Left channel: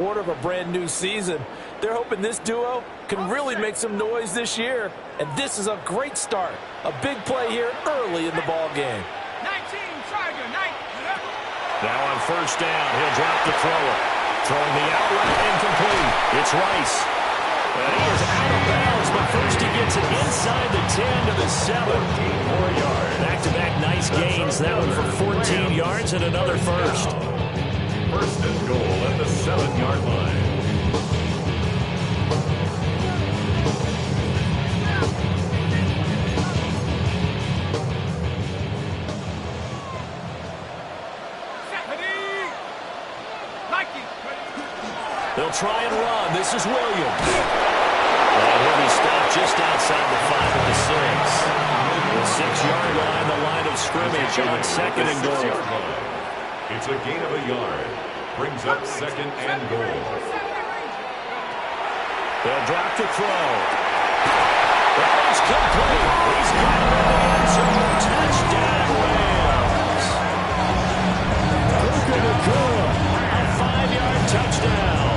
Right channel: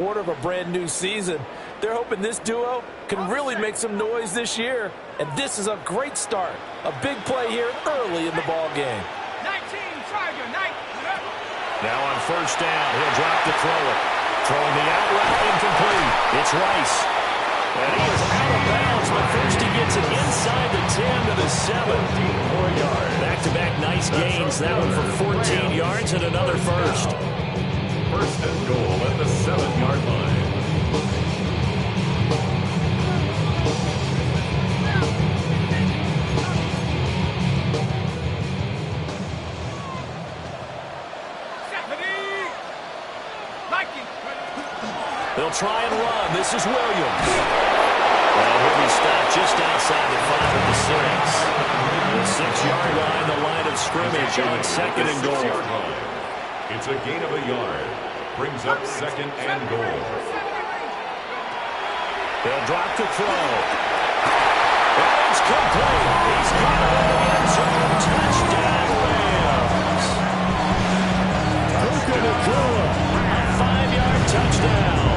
Quarter of a brand new season. They're hoping this duo can really make some noise this year, and this is a great start. A big play here early in the ball game. 19, Tiger, 9. Now on first down, he'll drop to throw it. Throwing the out route incomplete. It's Rice. And he is out of bounds, but first he gets it inside the 10 to the 7. 4 yards. Back-to-back nice gains. That one for 14 yards and another first. First and goal at the 7-yard line. They'll try and run. This is Williams. And he'll be stopped just outside the 5 at the 6. The 6-yard line, the line of scrimmage on second and goal. It's a gain of a yard. Brings up second and goal. They'll drop to throw. And it's complete. He's got it in the end zone. Touchdown, Rams. A 5-yard touchdown.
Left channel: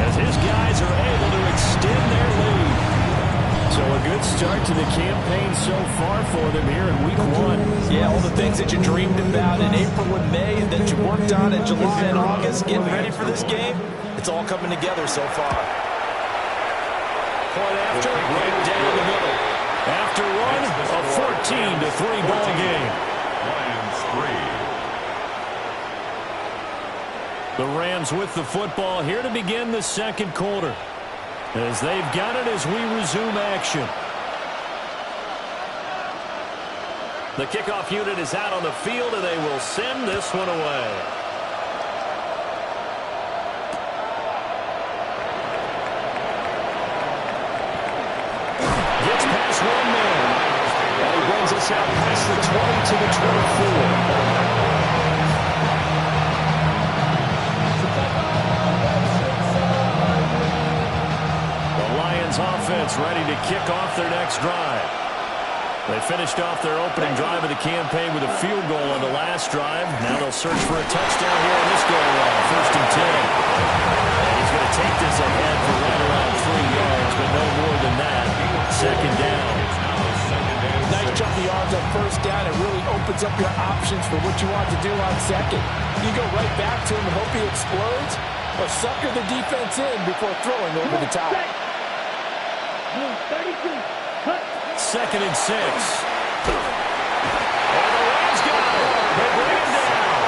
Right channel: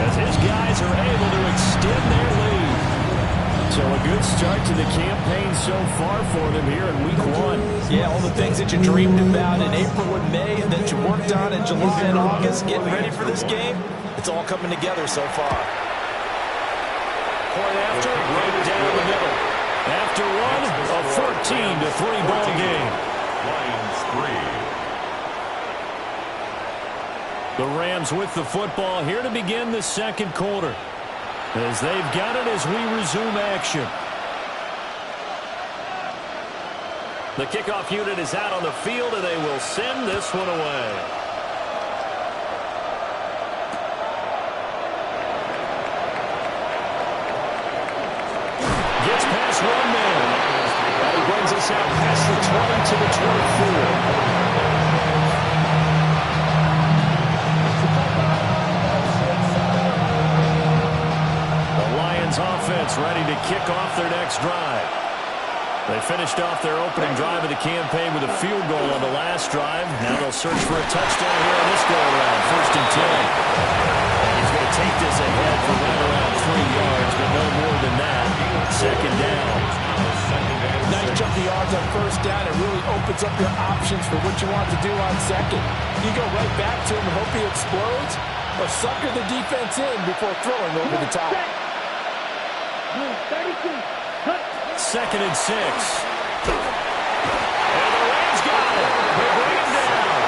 As his guys are able to extend their lead. So a good start to the campaign so far for them here in week 1. Yeah, all the things that you dreamed about in April and May that you worked on in July and August, getting ready for this game, it's all coming together so far. Point after, right down the middle. After one, a 14-3 ball game. Lions 3. The Rams with the football here to begin the second quarter. As they've got it as we resume action. The kickoff unit is out on the field, and they will send this one away. Gets past one man. And he brings us out past the 20 to the 24. Offense ready to kick off their next drive. They finished off their opening drive of the campaign with a field goal on the last drive. Now they'll search for a touchdown here on this go-around. First and 10. And he's going to take this ahead for right around 3 yards, but no more than that. Second down. Nice chunk of yards on first down. It really opens up your options for what you want to do on second. You go right back to him and hope he explodes, or sucker the defense in before throwing over the top. 2nd and 6. And the Rams got it. They bring him down.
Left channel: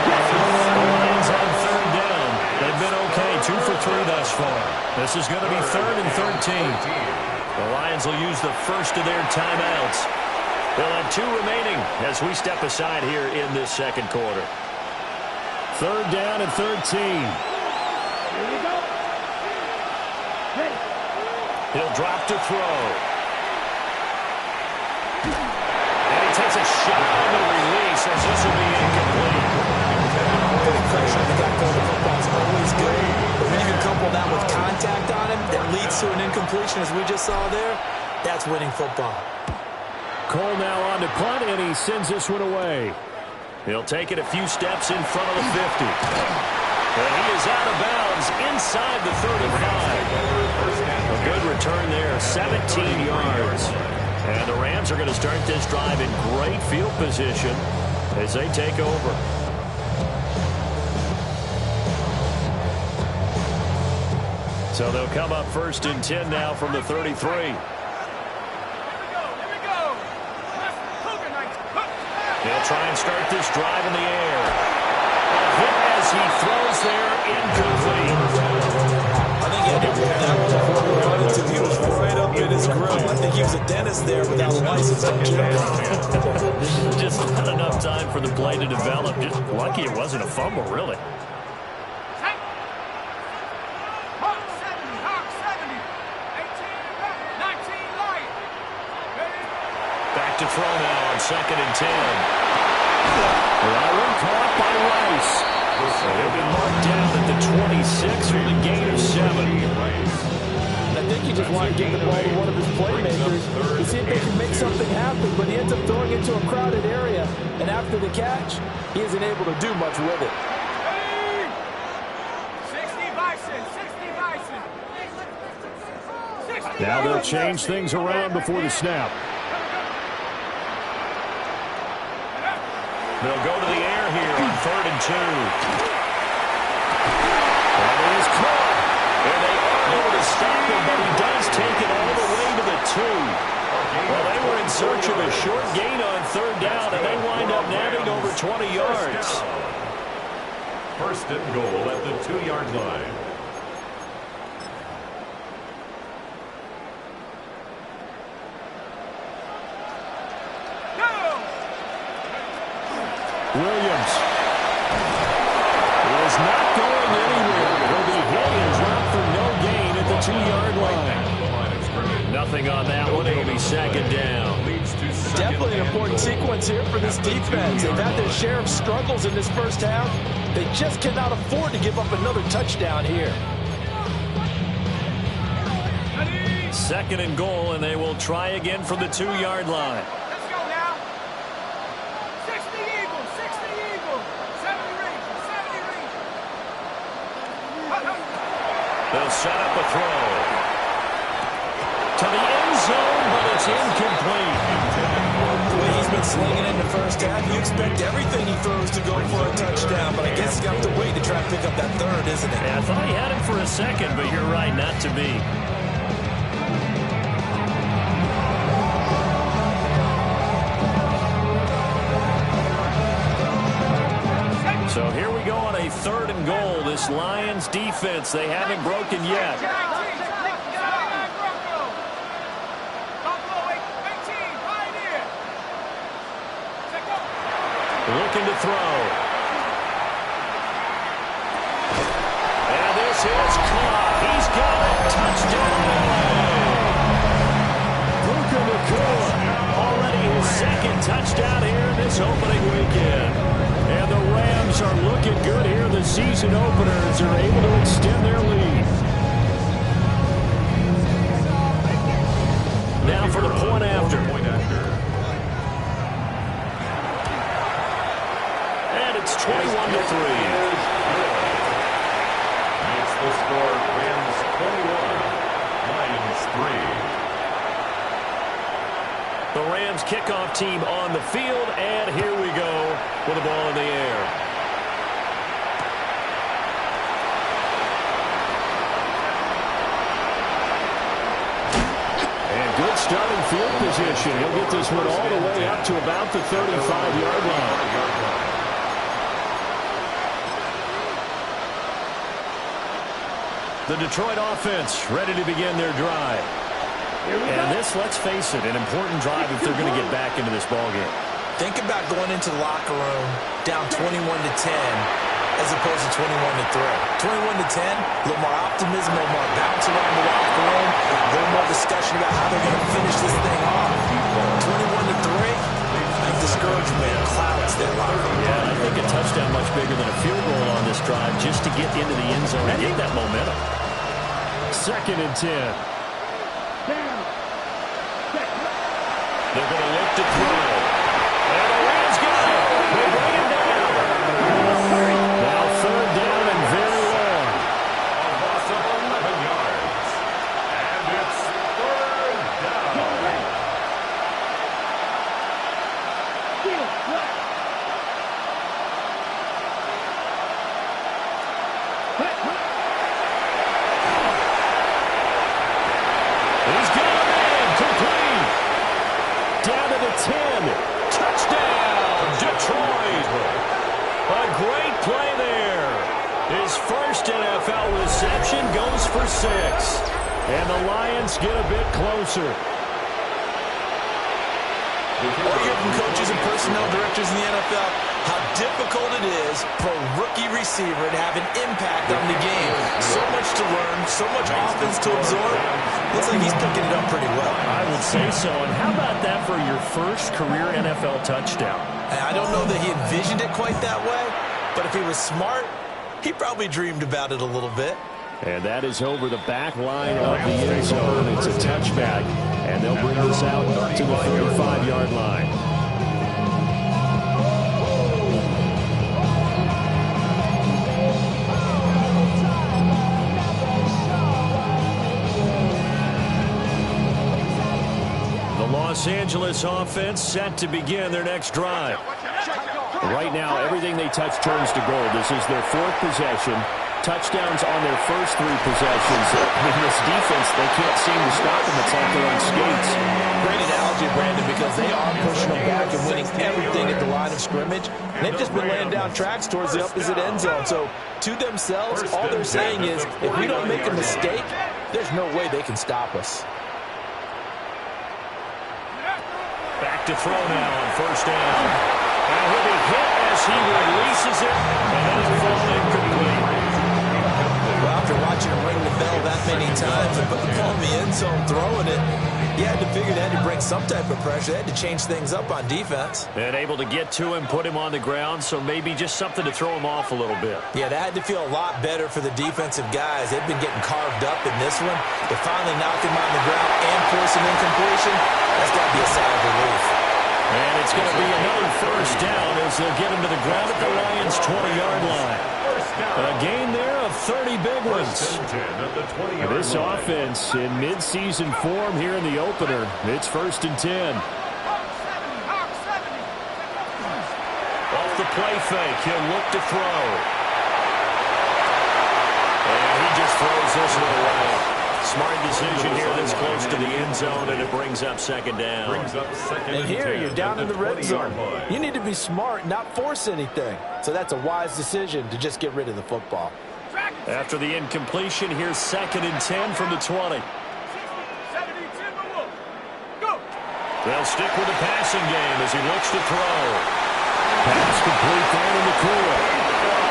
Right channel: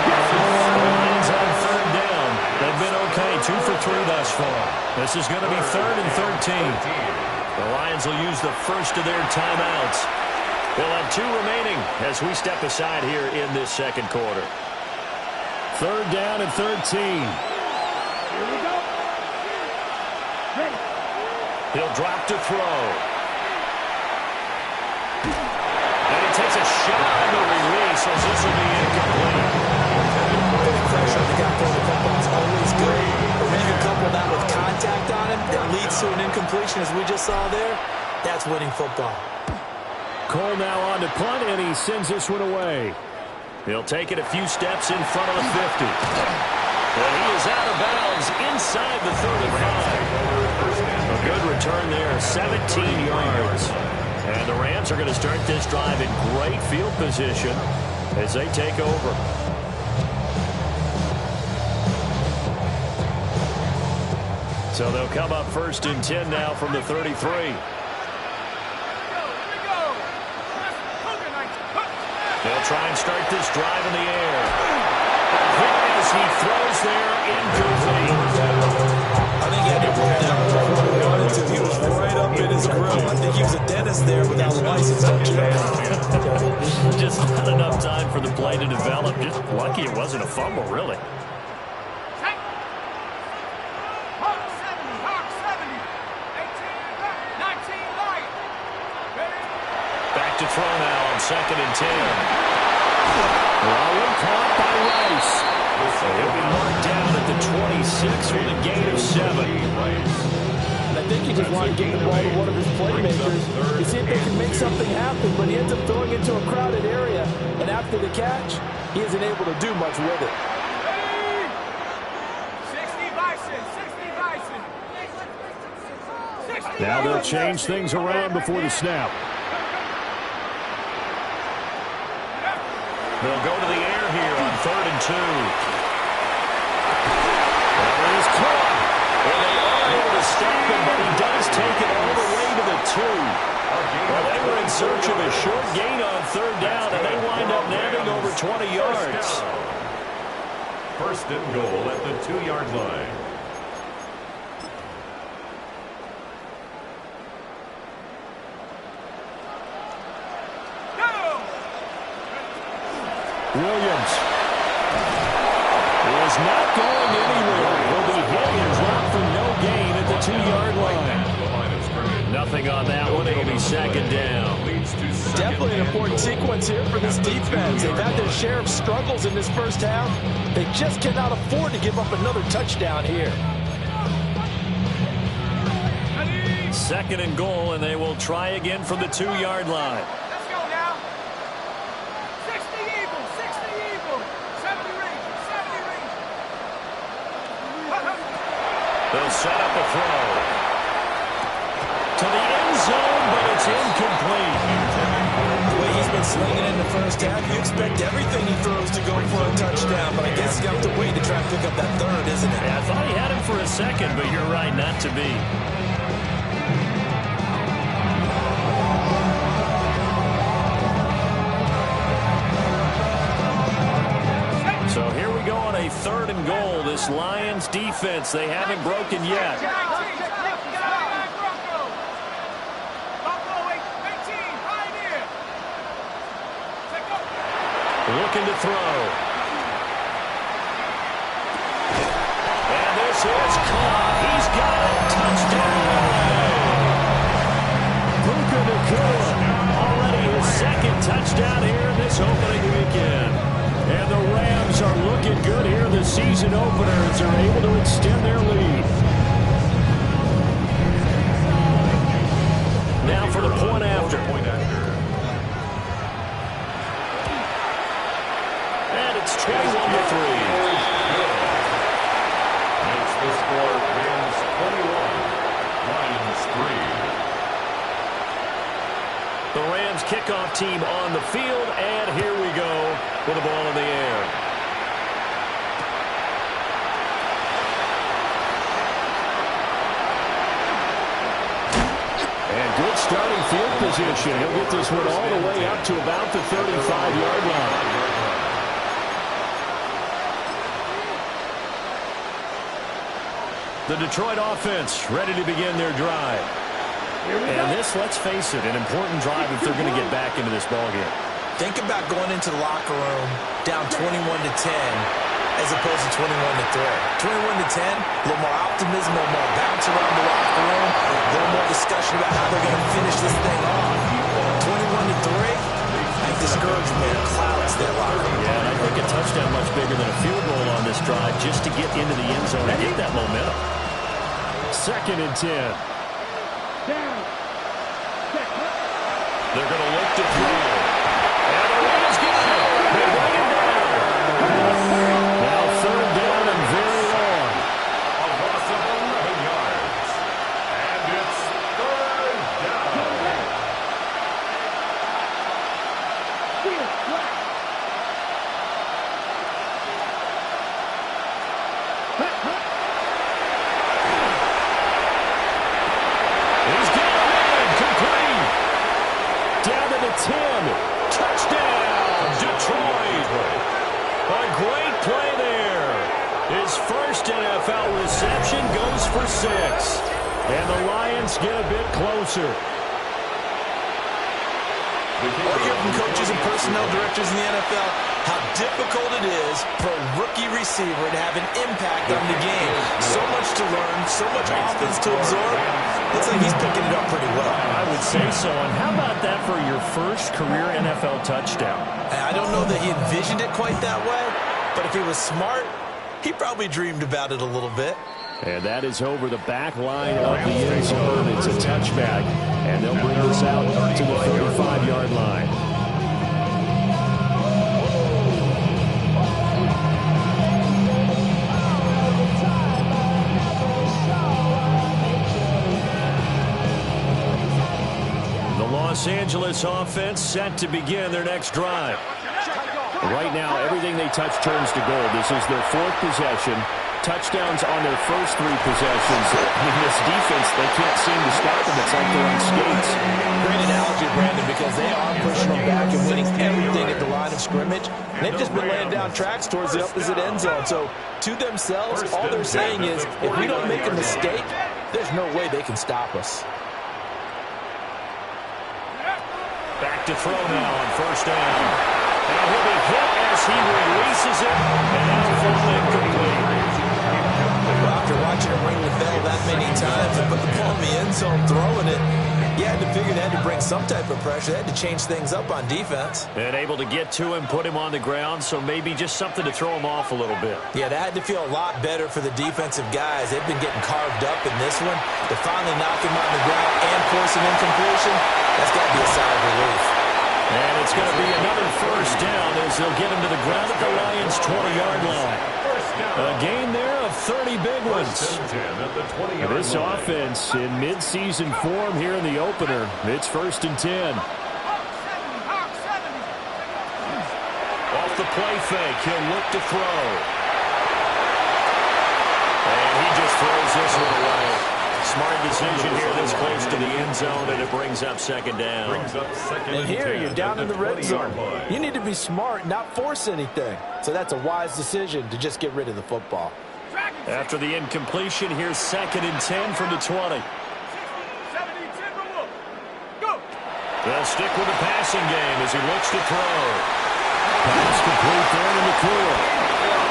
The Lions on third down. They've been okay, 2 for 3 thus far. This is going to be 3rd and 13. The Lions will use the first of their timeouts. They'll have 2 remaining as we step aside here in this second quarter. 3rd down and 13. Here we go. Ready. He'll drop to throw. And he takes a shot on the release as this will be incomplete. Getting pressure on the guy throwing the football is always good. But when you can couple that with contact on him that leads to an incompletion as we just saw there, that's winning football. Cole now on to punt, and he sends this one away. He'll take it a few steps in front of the 50. And he is out of bounds inside the 35. A good return there, 17 yards. And the Rams are going to start this drive in great field position as they take over. So they'll come up 1st and 10 now from the 33. They'll try and start this drive in the air. Hit as he throws there, incomplete. I think he had to pull that one before he wanted to. He was right up in his grill. I think he was a dentist there without a license, don't you? Just not enough time for the play to develop. Just lucky it wasn't a fumble, really. Back to throw now on 2nd and 10. That one caught by Rice. He'll be marked down at the 26 with a gain of 7. And I think he just wanted to get the ball to one of his playmakers to see if they can make something happen, but he ends up throwing into a crowded area, and after the catch, he isn't able to do much with it. 65 Bison, 60 Bison. 60 Now they'll change things around before the snap. They'll go to the air here on 3rd and 2. That is caught. And they are able to stop him, but he does take it all the way to the 2. Well, they were in search of a short gain on 3rd down, and they wind up nabbing over 20 yards. 1st and goal at the 2-yard line. Williams is not going anywhere. He'll be hit and dropped for no gain at the 2-yard line. Nothing on that one. It'll be 2nd down. Definitely an important sequence here for this defense. They've had their share of struggles in this first half. They just cannot afford to give up another touchdown here. 2nd and goal, and they will try again from the 2-yard line. Let's go now. 60 Eagles, 60 Eagles. 70 Rangers, 70 Rangers. They'll set up a throw to the end zone, but it's incomplete. The way he's been slinging in the first half, you expect everything he throws to go for a touchdown, but I guess he's got to wait to try and pick up that 3rd, isn't it? Yeah, I thought he had him for a second, but you're right, not to be. So here we go on a 3rd and goal. This Lions defense, they haven't broken yet. Looking to throw. And this is caught. He's got it. Touchdown, LA. Puka Nacua. Already his 2nd touchdown here this opening weekend. And the Rams are looking good here the season opener as they're able to extend their lead. Now for the point after. And it's 21-3. Makes the score Rams 21, Lions 3. The Rams kickoff team on the field, and here we go with the ball in the air. And good starting field position. He'll get this one all the way up to about the 35-yard line. The Detroit offense ready to begin their drive. And this, let's face it, an important drive if they're going to get back into this ballgame. Think about going into the locker room down 21-10 as opposed to 21-3. 21-10, a little more optimism, a little more bounce around the locker room, a little more discussion about how they're going to finish this thing off. 21-3. I think discouragement clouds that locker room. Yeah, and I think a touchdown much bigger than a field goal on this drive just to get into the end zone and get that momentum. 2nd and 10. They're going to look to throw. And the Rams got it. They bring him down. Now 3rd down and very long. A loss of 11 yards. And it's 3rd down. He's got him in. Complete. Down to the 10. Touchdown, Detroit. A great play there. His first NFL reception goes for 6. And the Lions get a bit closer. All you hear from coaches and personnel directors in the NFL, how difficult it is for a rookie receiver to have an impact on the game. So much to learn, so much offense to absorb. Looks like he's picking it up pretty well. I would say so. And how about that for your first career NFL touchdown? I don't know that he envisioned it quite that way, but if he was smart, he probably dreamed about it a little bit. And that is over the back line of the end zone. It's a touchback, and they'll bring this out to the 35-yard line. Los Angeles offense set to begin their next drive. Right now, everything they touch turns to gold. This is their 4th possession. Touchdowns on their first 3 possessions. In this defense, they can't seem to stop them. It's like they're on skates. Great analogy, Brandon, because they are pushing them back and winning everything at the line of scrimmage. They've just been laying down tracks towards the opposite end zone. So, to themselves, all they're saying is, if we don't make a mistake, there's no way they can stop us. Back to throw now on first down. And he'll be hit as he releases it, and that'll fall incomplete. Well, after watching him ring the bell that many times and put the ball in the end zone throwing it, you had to figure they had to bring some type of pressure. They had to change things up on defense. And able to get to him, put him on the ground, so maybe just something to throw him off a little bit. Yeah, that had to feel a lot better for the defensive guys. They've been getting carved up in this one. To finally knock him on the ground and force an incompletion, that's got to be a sigh of relief. And it's going to be another first down as they'll get him to the ground at the Lions' 20-yard line. A gain there of 30 big ones. This offense in midseason form here in the opener. It's 1st and 10. Off the play fake, he'll look to throw. And he just throws this one away. Smart decision here this close to the end zone, and it brings up 2nd down. And here you're down in the red zone. You need to be smart, not force anything. So that's a wise decision to just get rid of the football. After the incompletion, here's 2nd and 10 from the 20. They'll stick with the passing game as he looks to throw. Pass complete there to McClure.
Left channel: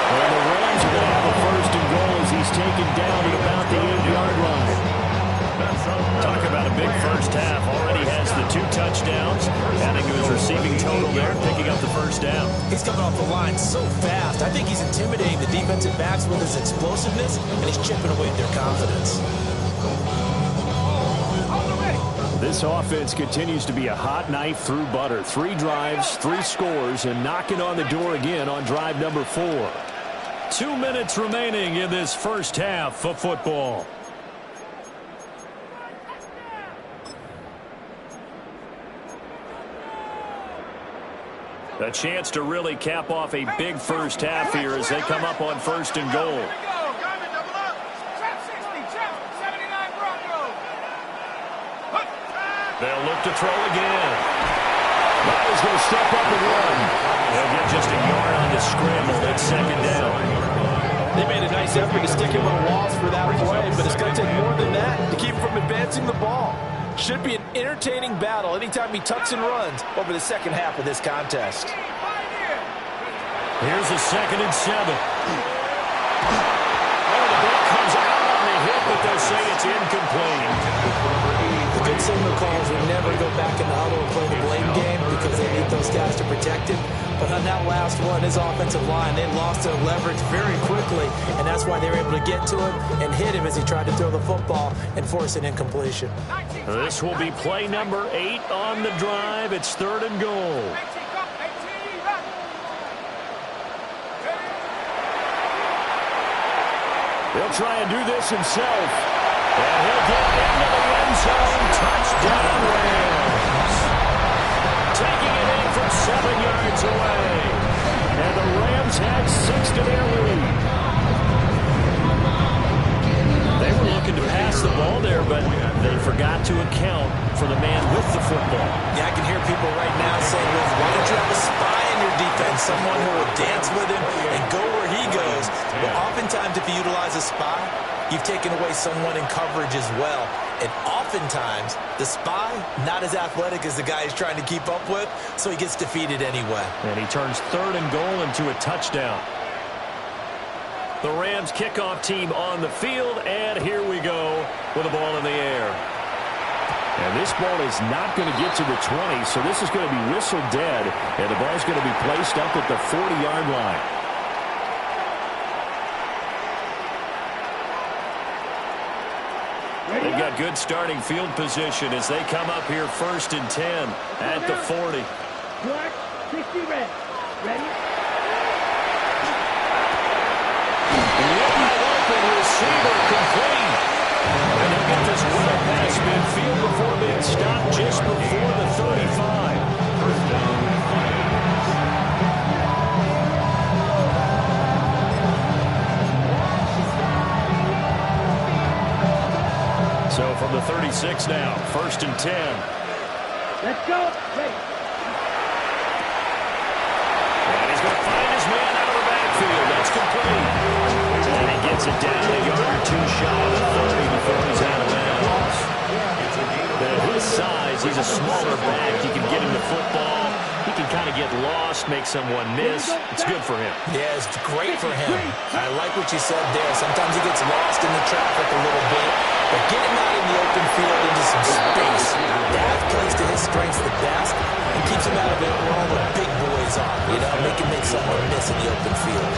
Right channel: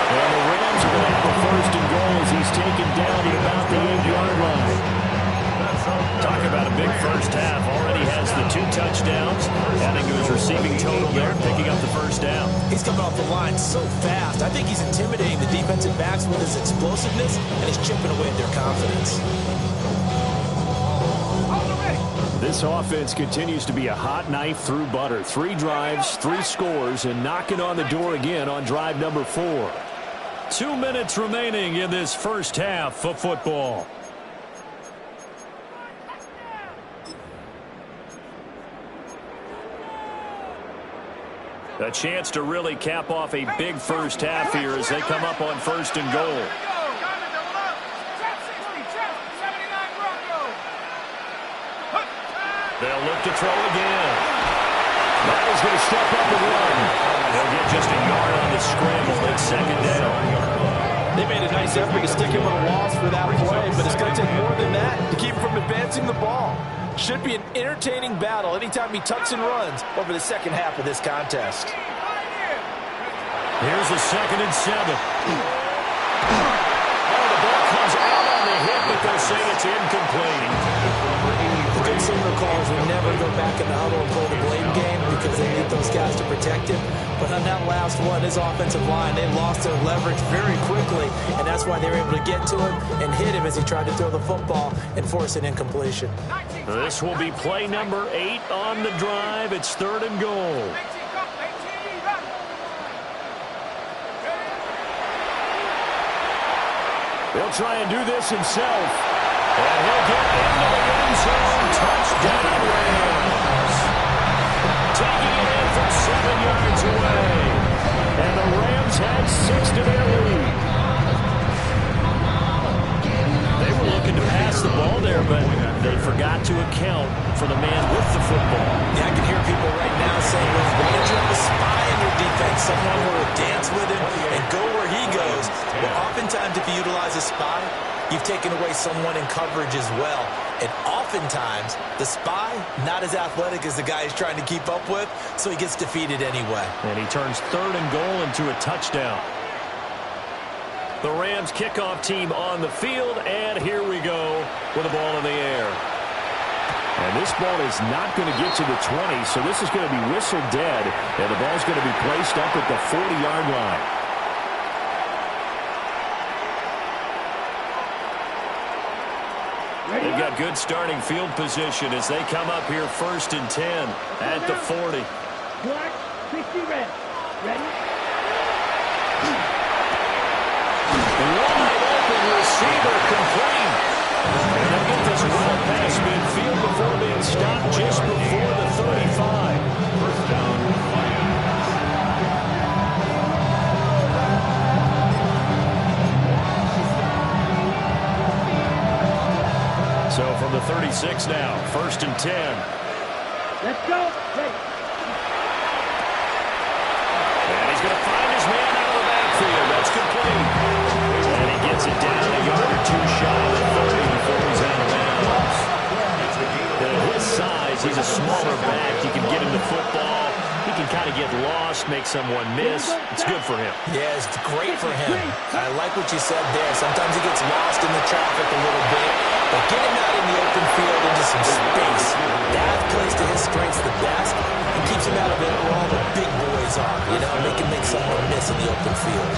And the Rams are going to have a 1st and goal as he's taken down at about the 8-yard line. Talk about a big first half. Already has the 2 touchdowns, adding to his receiving total there, picking up the 1st down. He's coming off the line so fast. I think he's intimidating the defensive backs with his explosiveness, and he's chipping away at their confidence. This offense continues to be a hot knife through butter. 3 drives, 3 scores, and knocking on the door again on drive number 4. 2 minutes remaining in this first half of football. A chance to really cap off a big first half here as they come up on 1st and goal. They'll look to throw again. Miles going to step up and run. He'll get just a yard on the scramble. That's 2nd down. They made a nice effort to stick him on walls for that play, but it's going to take more than that to keep him from advancing the ball. Should be an entertaining battle anytime he tucks and runs over the second half of this contest. Here's a 2nd and 7. Oh, the ball comes out on the hit, but they'll say it's incomplete. The good signal callers will never go back in the huddle and play the blame game because they need those guys to protect him. But on that last one, his offensive line, they lost their leverage very quickly, and that's why they were able to get to him and hit him as he tried to throw the football and force an incompletion. This will be play number 8 on the drive. It's 3rd and goal. He'll try and do this himself. And he'll get into the end zone. Touchdown, Rams. Taking it in from 7 yards away. And the Rams had 6 to their lead. They were looking to pass the ball there, but they forgot to account for the man with the football. Yeah, I can hear people right now saying, well, why don't you have a spy in your defense, someone who will dance with him and go where he goes? Well, oftentimes if you utilize a spy, you've taken away someone in coverage as well. And oftentimes, the spy, not as athletic as the guy he's trying to keep up with, so he gets defeated anyway. And he turns 3rd and goal into a touchdown. The Rams kickoff team on the field, and here we go with the ball in the air. And this ball is not going to get to the 20, so this is going to be whistled dead, and the ball's going to be placed up at the 40-yard line. They've got good starting field position as they come up here 1st and 10 at the 40. Black, 60 red. Ready? Wide open receiver complete. And they'll get this well past midfield before being stopped just before the So from the 36 now, 1st and 10. Let's go. Ready. And he's going to find his man out of the backfield. That's complete. And he gets it down a yard or two shy of the 30 before he's out of bounds. At his size, he's a smaller back. You can get him the football. He can kind of get lost, make someone miss. It's good for him. Yeah, it's great for him. I like what you said there. Sometimes he gets lost in the traffic a little bit, but get him out in the open field into some space. That plays to his strengths the best and keeps him out of it where all the big boys are. You know, make someone miss in the open field.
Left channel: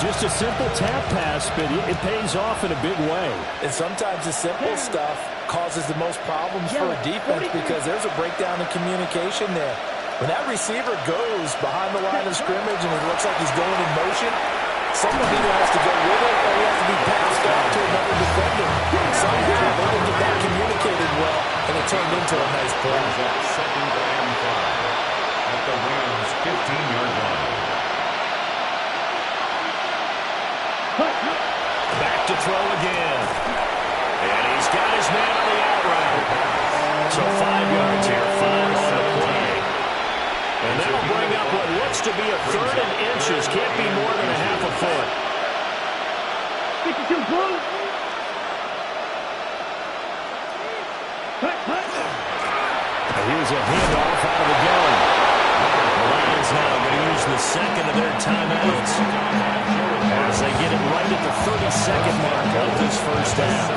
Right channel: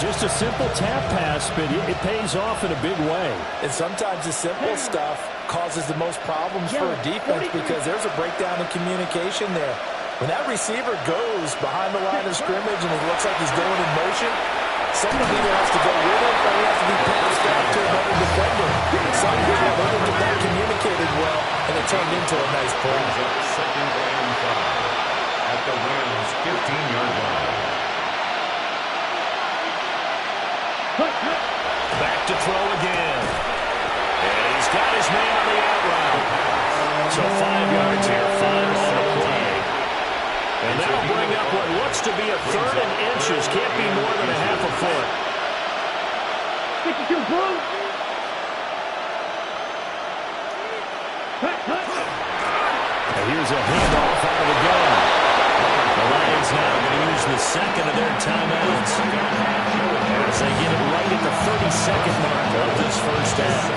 Just a simple tap pass, but it pays off in a big way. And sometimes the simple stuff causes the most problems for a defense because there's a breakdown in communication there. When that receiver goes behind the line of scrimmage and it looks like he's going in motion, someone either has to go with it or he has to be passed off to another defender. Somehow they didn't get that communicated well, and it turned into a nice play. Second and 5 at the Rams' 15-yard line. Back to throw again. And he's got his man on the out route. So 5 yards here, 5 on the play. And that'll bring up what looks to be a 3rd and inches. Can't be more than a half a foot. 52 blue. And here's a handoff out of the gun. The Lions now going to use the second of their timeouts as they get it right at the 32nd mark of this first half.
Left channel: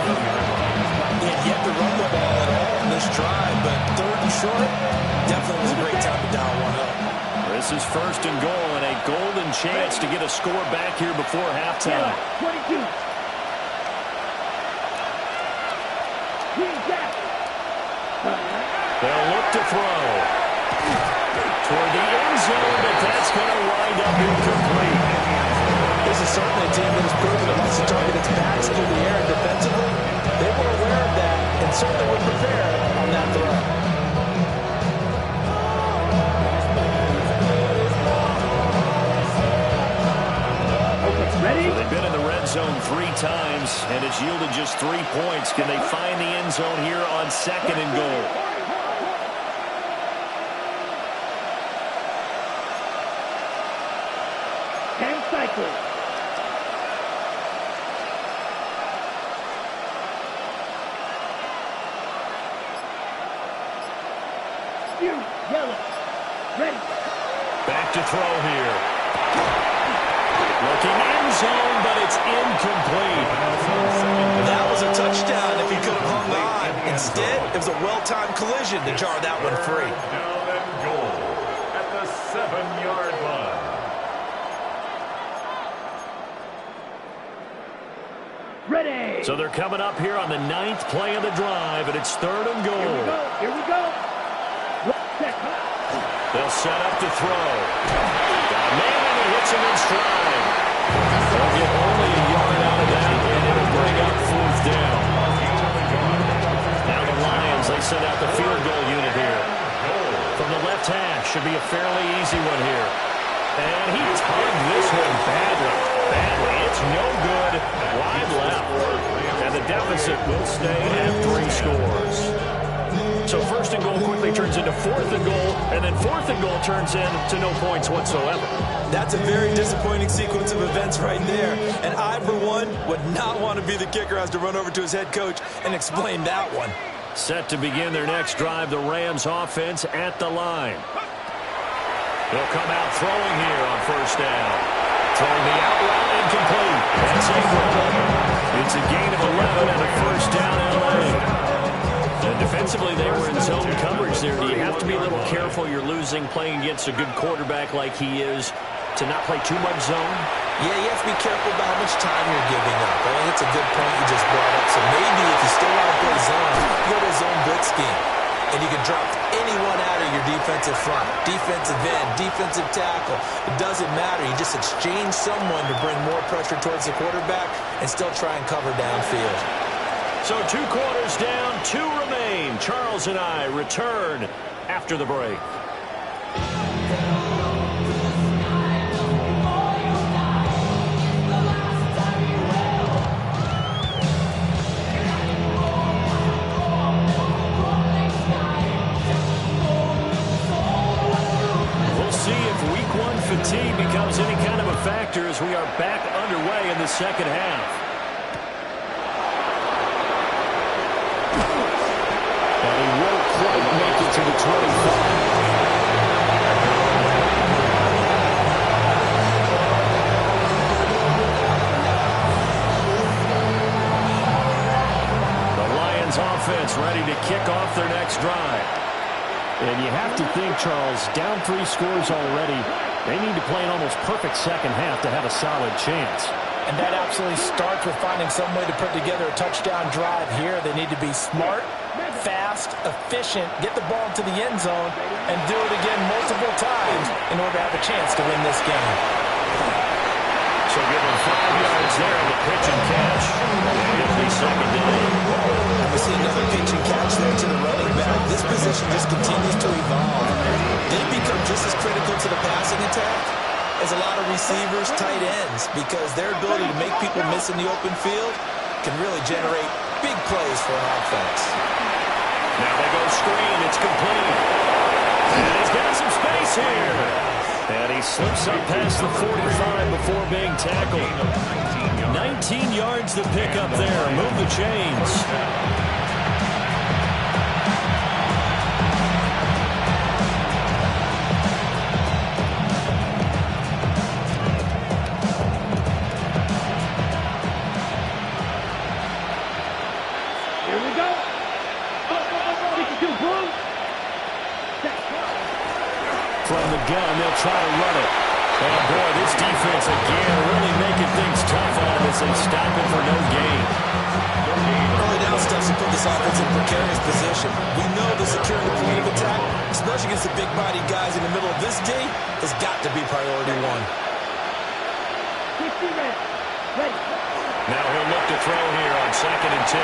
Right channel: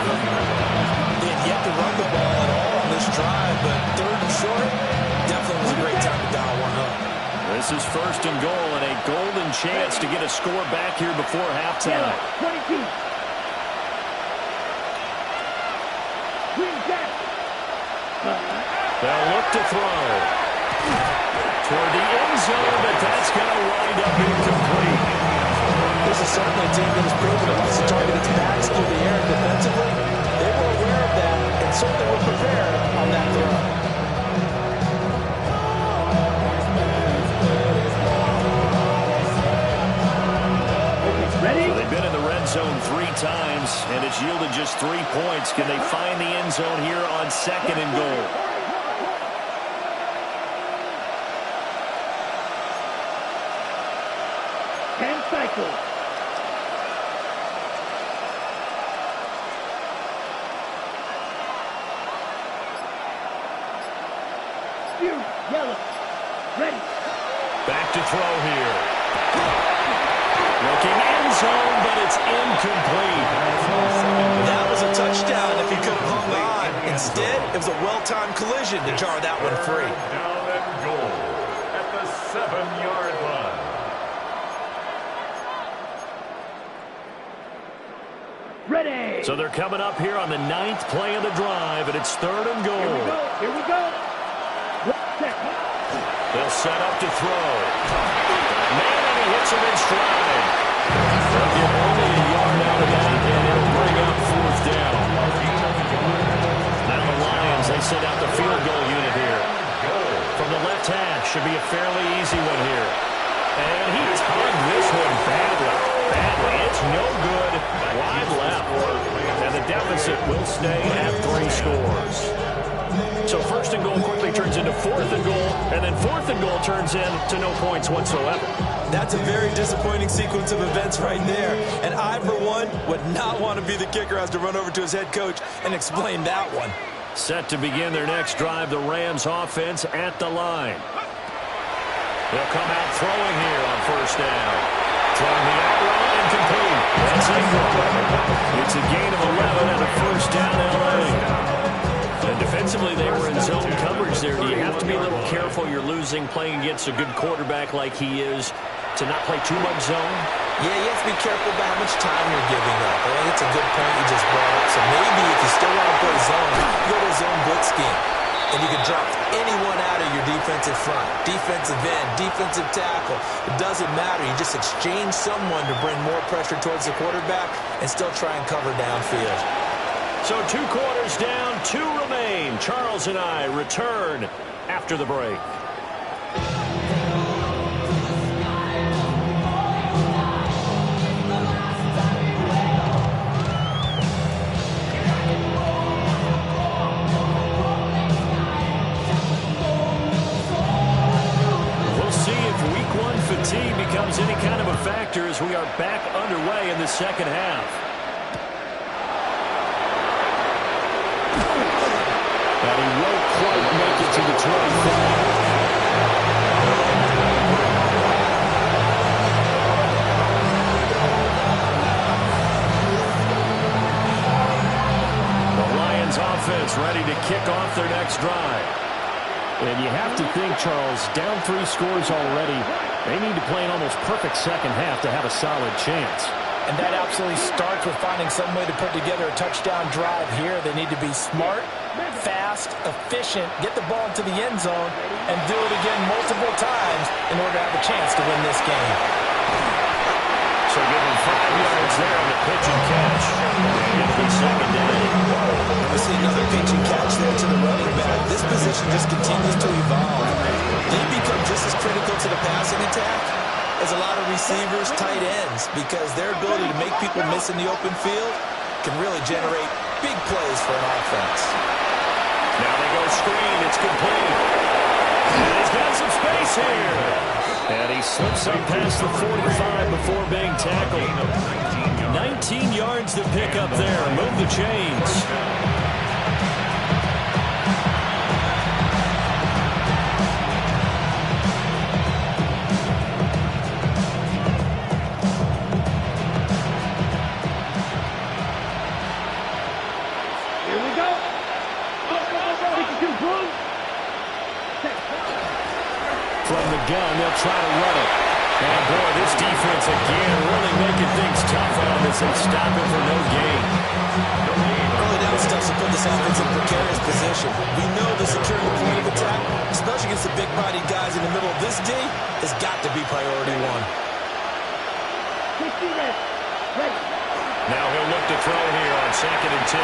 They had yet to run the ball at all on this drive, but 3rd and short definitely was a great time to dial one up. This is 1st and goal and a golden chance to get a score back here before halftime. 22. Green Jack. They'll look to throw toward the end zone, but that's going to wind up incomplete. This is certainly a team that has proven it likes to target its backs through the air. Defensively, they were aware of that and certainly were prepared on that throw. Ready? So they've been in the red zone 3 times, and it's yielded just 3 points. Can they find the end zone here on 2nd and goal? Cycle. Yellow. Ready. Back to throw here. Looking end zone, but it's incomplete. That was a touchdown if he could have hung on. Instead, it was a well-timed collision to jar that one free. Down and goal at the 7-yard line. Ready. So they're coming up here on the 9th play of the drive, and it's 3rd and goal. Here we go. They'll set up to throw. Got a man, and he hits him in stride. They'll get only a yard out of that, and it'll bring up 4th down. Now the Lions, they send out the field goal unit here. From the left hash, should be a fairly easy one here. And he tugged this one badly. It's no good. Wide left. And the deficit will stay at 3 scores. So 1st and goal quickly turns into 4th and goal, and then 4th and goal turns into no points whatsoever. That's a very disappointing sequence of events right there. And I, for one, would not want to be the kicker, has to run over to his head coach and explain that one. Set to begin their next drive, the Rams offense at the line. They'll come out throwing here on 1st down. Throwing the out route and complete. That's Ingram. It's a gain of 11 and a 1st down L.A. And defensively, they were in zone coverage there. Do you have to be a little careful? You're losing, playing against a good quarterback like he is, to not play too much zone? Yeah, you have to be careful about how much time you're giving up. I think it's a good point you just brought up. So maybe if you still want to play zone, you go to a zone blitz scheme. And you can drop anyone out of your defensive front, defensive end, defensive tackle. It doesn't matter. You just exchange someone to bring more pressure towards the quarterback and still try and cover downfield. So 2 quarters down, 2 remain. Charles and I return after the break. fatigue becomes any kind of a factor as we are back underway in the second half. And he won't quite make it to the 25. Offense ready to kick off their next drive. And you have to think, Charles, down 3 scores already. They need to play an almost perfect second half to have a solid chance. And that absolutely starts with finding some way to put together a touchdown drive here. They need to be smart, fast, efficient, get the ball to the end zone, and do it again multiple times in order to have a chance to win this game. So give them 5 yards there on the pitch and catch. And it'll be second down. And we see another pitch and catch there to the running back. This position just continues to evolve. They become just as critical to the passing attack as a lot of receivers, tight ends, because their ability to make people miss in the open field can really generate big plays for an offense. Now they go screen. It's complete. And he's got some space here. And he slips up past the 45 before being tackled. 19 yards to pick up there. Move the chains. Here we go. From the gun, they'll try to run it. And, boy, this defense, again, really making things tough on him as they stop him for no gain. Early down stuff to put this offense in precarious position. We know the securing the point of attack, especially against the big-bodied guys in the middle of this D, has got to be priority 1. 60 ready. Ready. Now he'll look to throw here on 2nd and 10.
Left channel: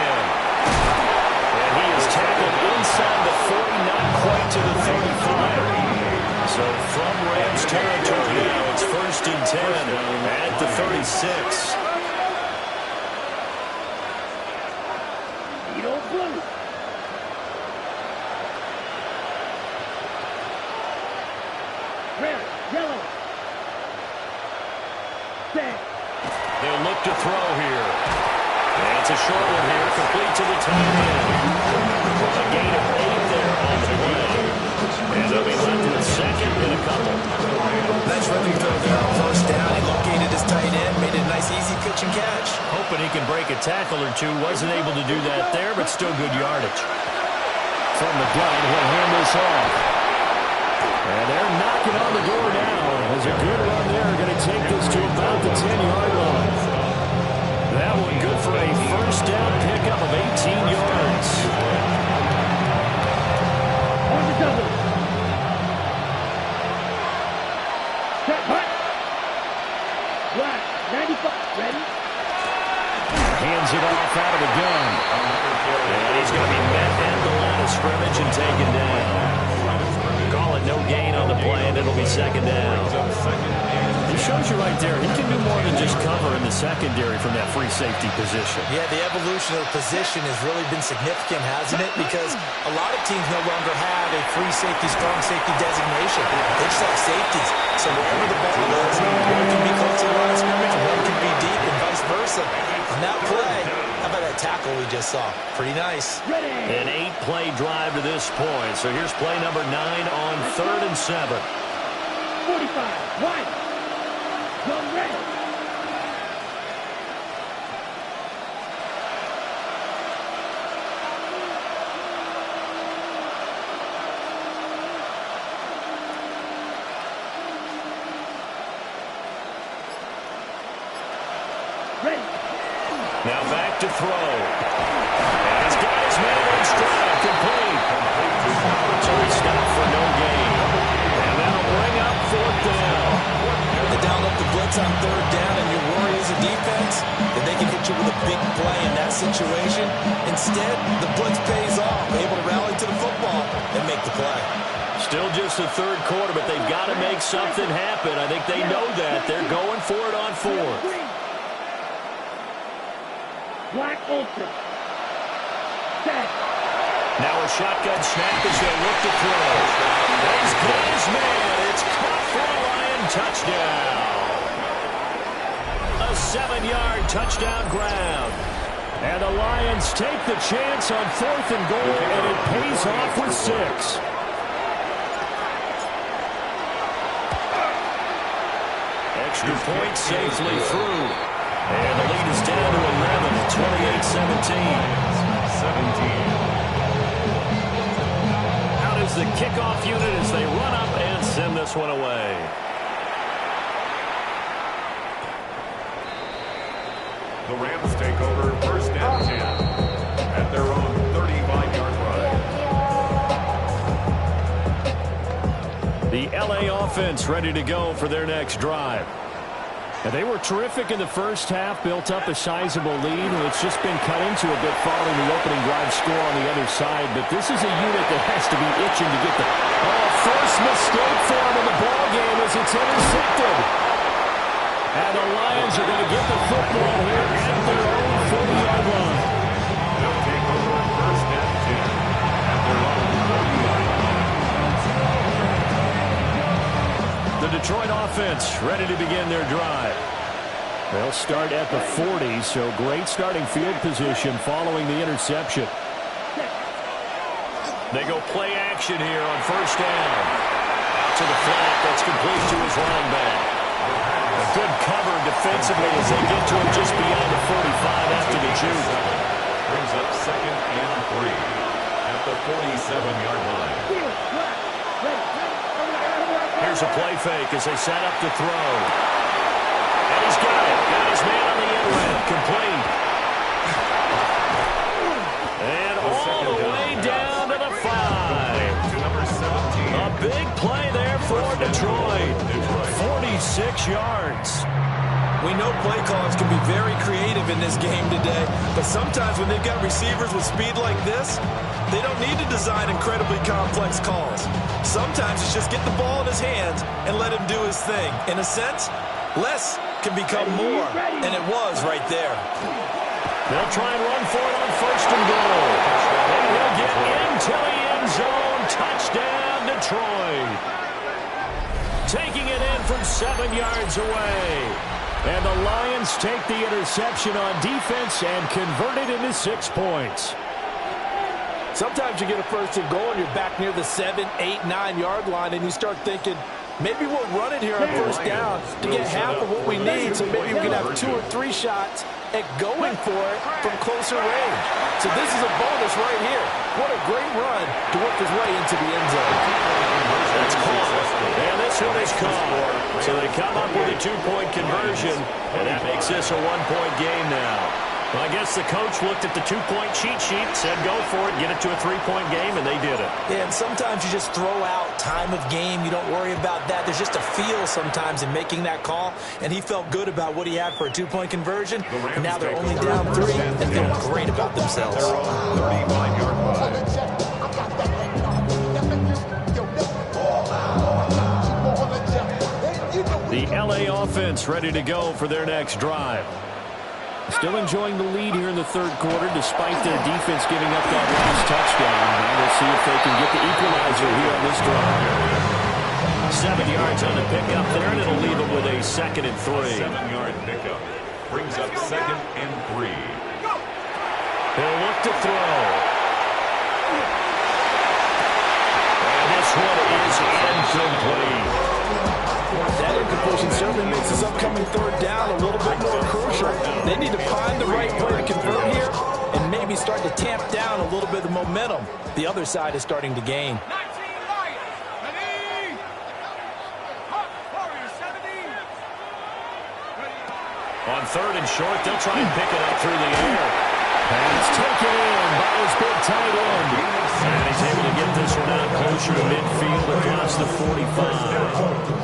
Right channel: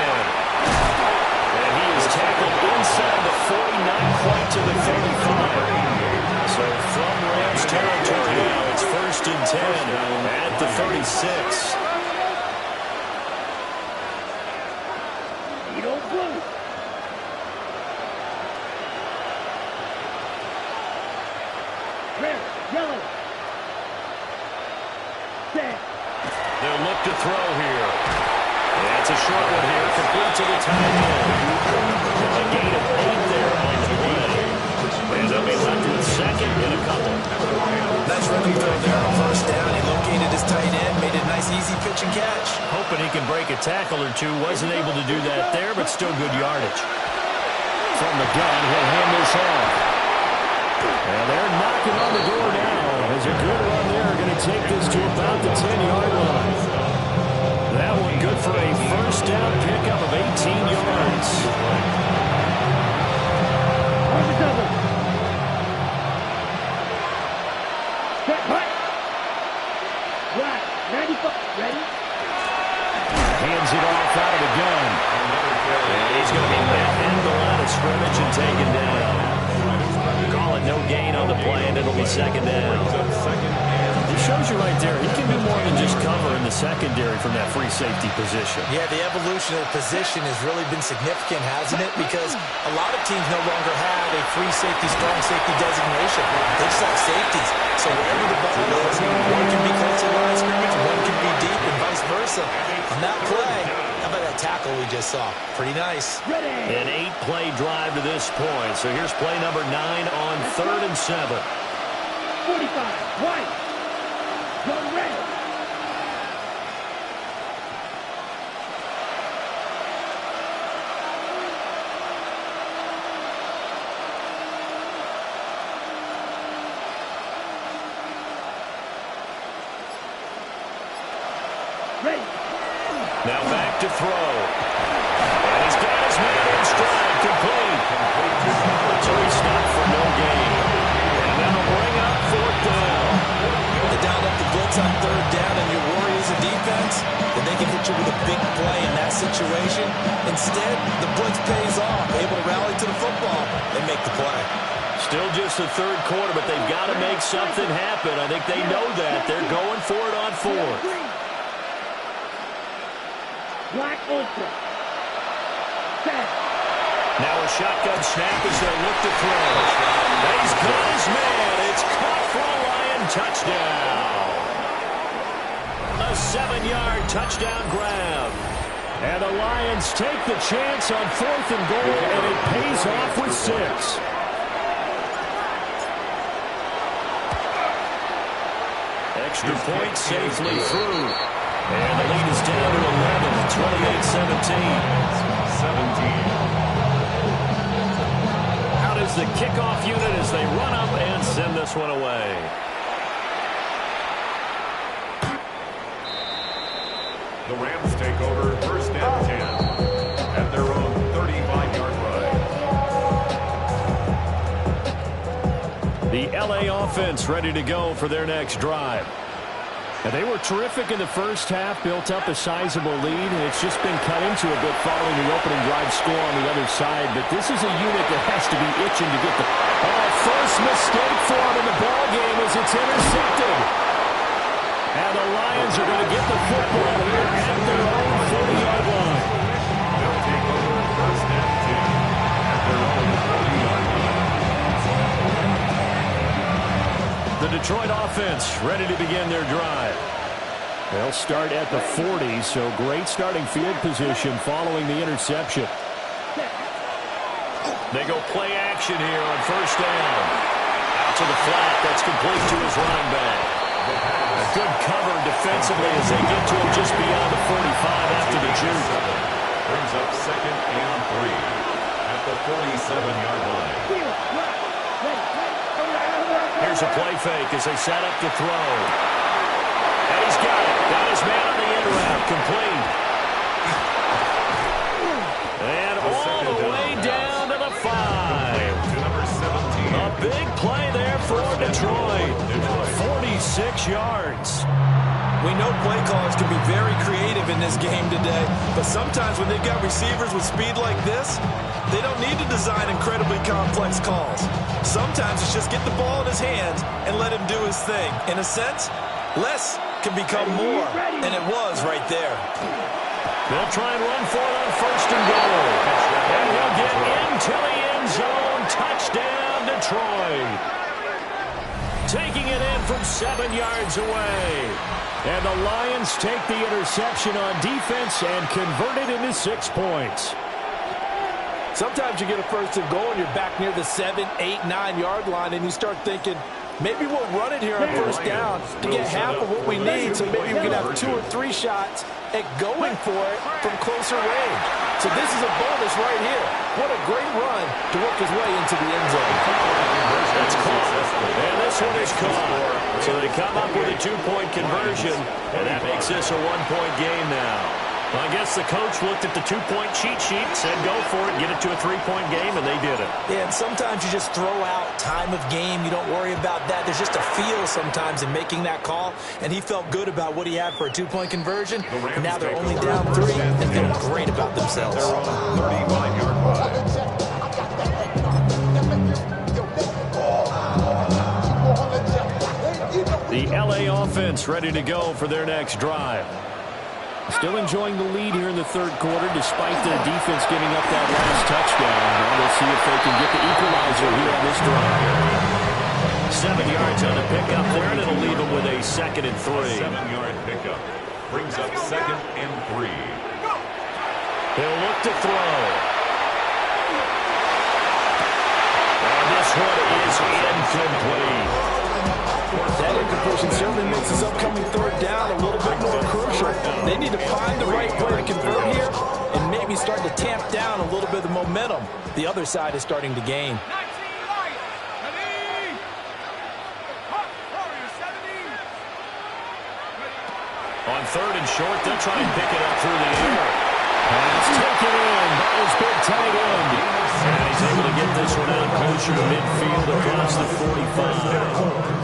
And he is tackled inside the 40, not quite to the 35. So from Rams territory now, it's 1st and 10 at the 36. Edo blue. Red, yellow. Red. They'll look to throw here. And it's a short one here, complete to the tight end. A gain of 8 there on the play. And they'll be left with 2nd and a couple. Nice running throw there on 1st down. He located his tight end, made it a nice easy pitch and catch. Hoping he can break a tackle or two. Wasn't able to do that there, but still good yardage. From the gun, he'll hand this off. And they're knocking on the door now. As a good run there, going to take this to about the 10-yard line. That one good for a 1st down pickup of 18 yards. On the double. Set, hut. Black, 95, ready. Hands it off out of the gun. And he's going to be met at the line of scrimmage and taken down. Call it no gain on the play, and it'll be 2nd down. He shows you right there, he can do more than just cover in the secondary from that free safety position. Yeah, the evolution of the position has really been significant, hasn't it? Because a lot of teams no longer have a free safety, strong safety designation. They just have safeties. So wherever the ball is, one can be close to the line of scrimmage, one can be deep, and vice versa. On that play, how about that tackle we just saw? Pretty nice. Ready. An 8-play drive to this point. So here's play number 9 on 3rd and 7. 45, white. Go red. Ready. Now back to throw. And he's got his man in stride, complete. So he stopped for no gain. And that'll bring up 4th down. They dialed up the blitz on 3rd down, and your worry as a defense that they can hit you with a big play in that situation. Instead, the blitz pays off, able to rally to the football and make the play. Still just the 3rd quarter, but they've got to make something happen. I think they know that. They're going for it on 4th. Black Ultra. Set. Now a shotgun snap as they'll look to throw. He's got his man. It's caught for a Lion touchdown. A 7-yard touchdown grab. And the Lions take the chance on 4th and goal, and it pays off with 6. Extra point safely through. And the lead is down to 11 at 28-17. Out is the kickoff unit as they run up and send this one away. The Rams take over 1st and 10 at their own 35-yard line. The LA offense ready to go for their next drive. And they were terrific in the first half, built up a sizable lead, and it's just been cut into a bit following the opening drive score on the other side. But this is a unit that has to be itching to get the first mistake for them in the ball game as it's intercepted. And the Lions are going to get the football here at their own 40-yard line. They'll take over 1st and 10 at their own 40-yard line. The Detroit offense ready to begin their drive. They'll start at the 40, so great starting field position following the interception. They go play action here on 1st down. Out to the flat. That's complete to his running back. A good cover defensively as they get to him just beyond the 45 after the juke. Brings up 2nd and 3 at the 47-yard line. Here's a play fake as they set up to throw. And he's got it. Got his man on the end route. Complete. And all the way down to the 5. To number 17. A big play there for Detroit. 46 yards. We know play callers can be very creative in this game today, but sometimes when they've got receivers with speed like this, they don't need to design incredibly complex calls. Sometimes it's just get the ball in his hands and let him do his thing. In a sense, less can become more, and it was right there. They'll try and run for it on 1st and goal. And he'll get into the end zone. Touchdown, Detroit. Taking it in from 7 yards away. And the Lions take the interception on defense and convert it into 6 points. Sometimes you get a 1st and goal and you're back near the 7, 8, 9-yard line and you start thinking, maybe we'll run it here on 1st down to get half of what we need, so maybe we can have 2 or 3 shots at going for it from closer range. So this is a bonus right here. What a great run to work his way into the end zone. That's caught. And this one is caught. So they come up with a 2-point conversion, and that makes this a 1-point game now. Well, I guess the coach looked at the 2-point cheat sheet, said go for it, get it to a 3-point game, and they did it. Yeah, and sometimes you just throw out time of game. You don't worry about that. There's just a feel sometimes in making that call, and he felt good about what he had for a 2-point conversion. And now they're only down 3 and feeling great about themselves. Their own 35-yard line. The LA offense ready to go for their next drive. Still enjoying the lead here in the 3rd quarter despite the defense giving up that last touchdown. Now we'll see if they can get the equalizer here on this drive. 7 yards on the pickup there, and it'll leave them with a 2nd and 3. 7-yard pickup brings up 2nd and 3. He'll look to throw. And this one is incomplete. That incompletion certainly makes this upcoming 3rd down a little bit more crucial. They need to find the right play to convert here and maybe start to tamp down a little bit of the momentum the other side is starting to gain. 19 Lions, ready, hot warrior 70. On 3rd and short, they'll try and pick it up through the air. Pass taken in by his big tight end. And he's able to get this one out closer to midfield across the 45.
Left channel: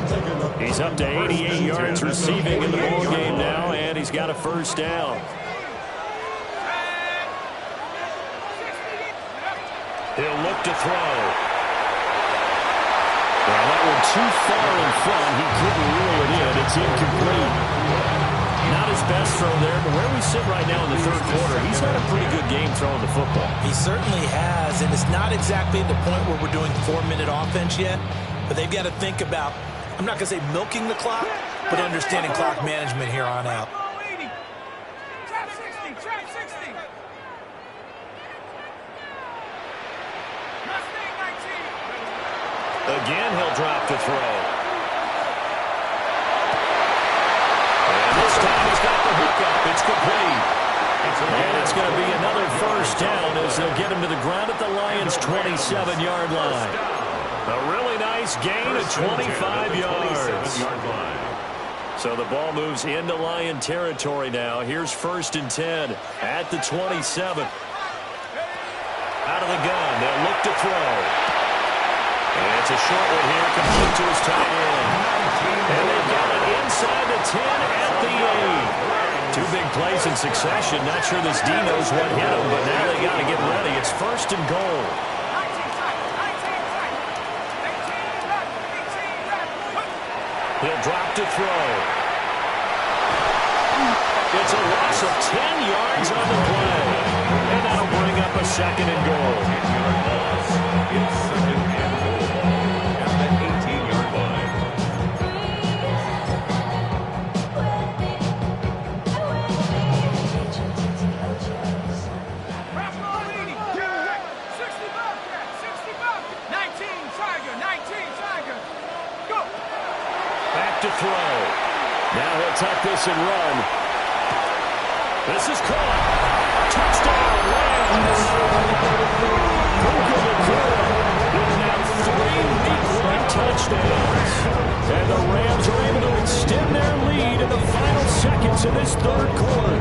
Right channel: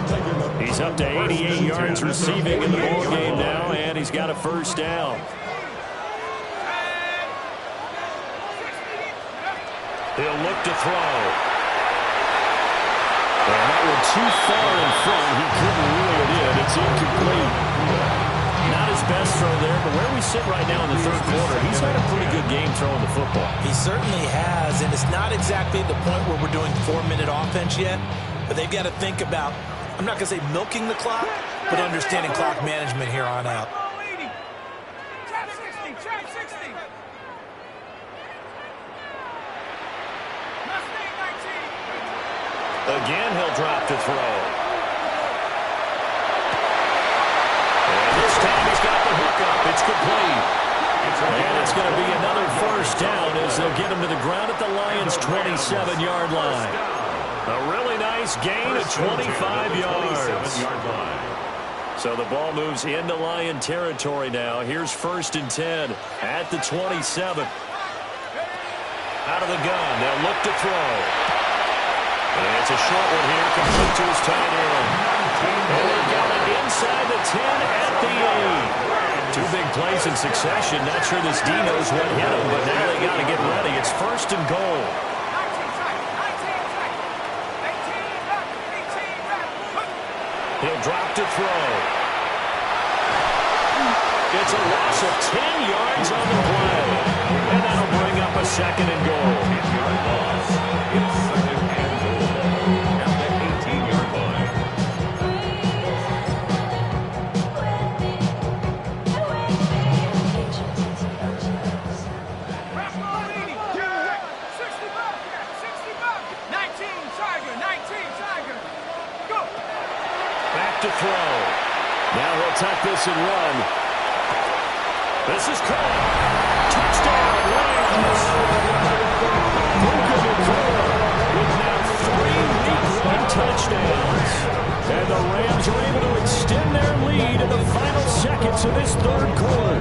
He's up to 88 yards receiving in the ball game now, and he's got a 1st down. He'll look to throw. And that one too far in front. He couldn't reel it in. It's incomplete. Not as his best throw there, but where we sit right now in the third quarter, he's had a pretty good game throwing the football. He certainly has, and it's not exactly the point where we're doing 4-minute offense yet, but they've got to think about, I'm not going to say milking the clock, but understanding clock management here on out. Trap 60, trap 60. Mustang 19. Again, he'll drop to throw. And this time he's got the hook up. It's complete. And it's going to be another first down as they'll get him to the ground at the Lions' 27-yard line. A really nice gain of 25 yards. So the ball moves into Lion territory now. Here's 1st and 10 at the 27. Out of the gun. They'll look to throw. And it's a short one here, complete to his tight end. And they've got it inside the 10 at the 8. 2 big plays in succession. Not sure this D knows what hit him, but now they got to get ready. It's 1st and goal. 19 tight, 19 tight. 18 left, 18 left. He'll drop to throw. It's a loss of 10 yards on the play. And that'll bring up a 2nd and goal. 10-yard loss. It's 2nd and goal at the 18-yard line. Rascal 80. 60 Bobcat, 60 Bobcat. 19 Tiger, 19 Tiger. Go. Back to throw. Now he'll tuck this and run. This is caught. Touchdown, Rams. Puka Nacua with now 3 Week 1 touchdowns. And the Rams are able to extend their lead in the final seconds of this third quarter.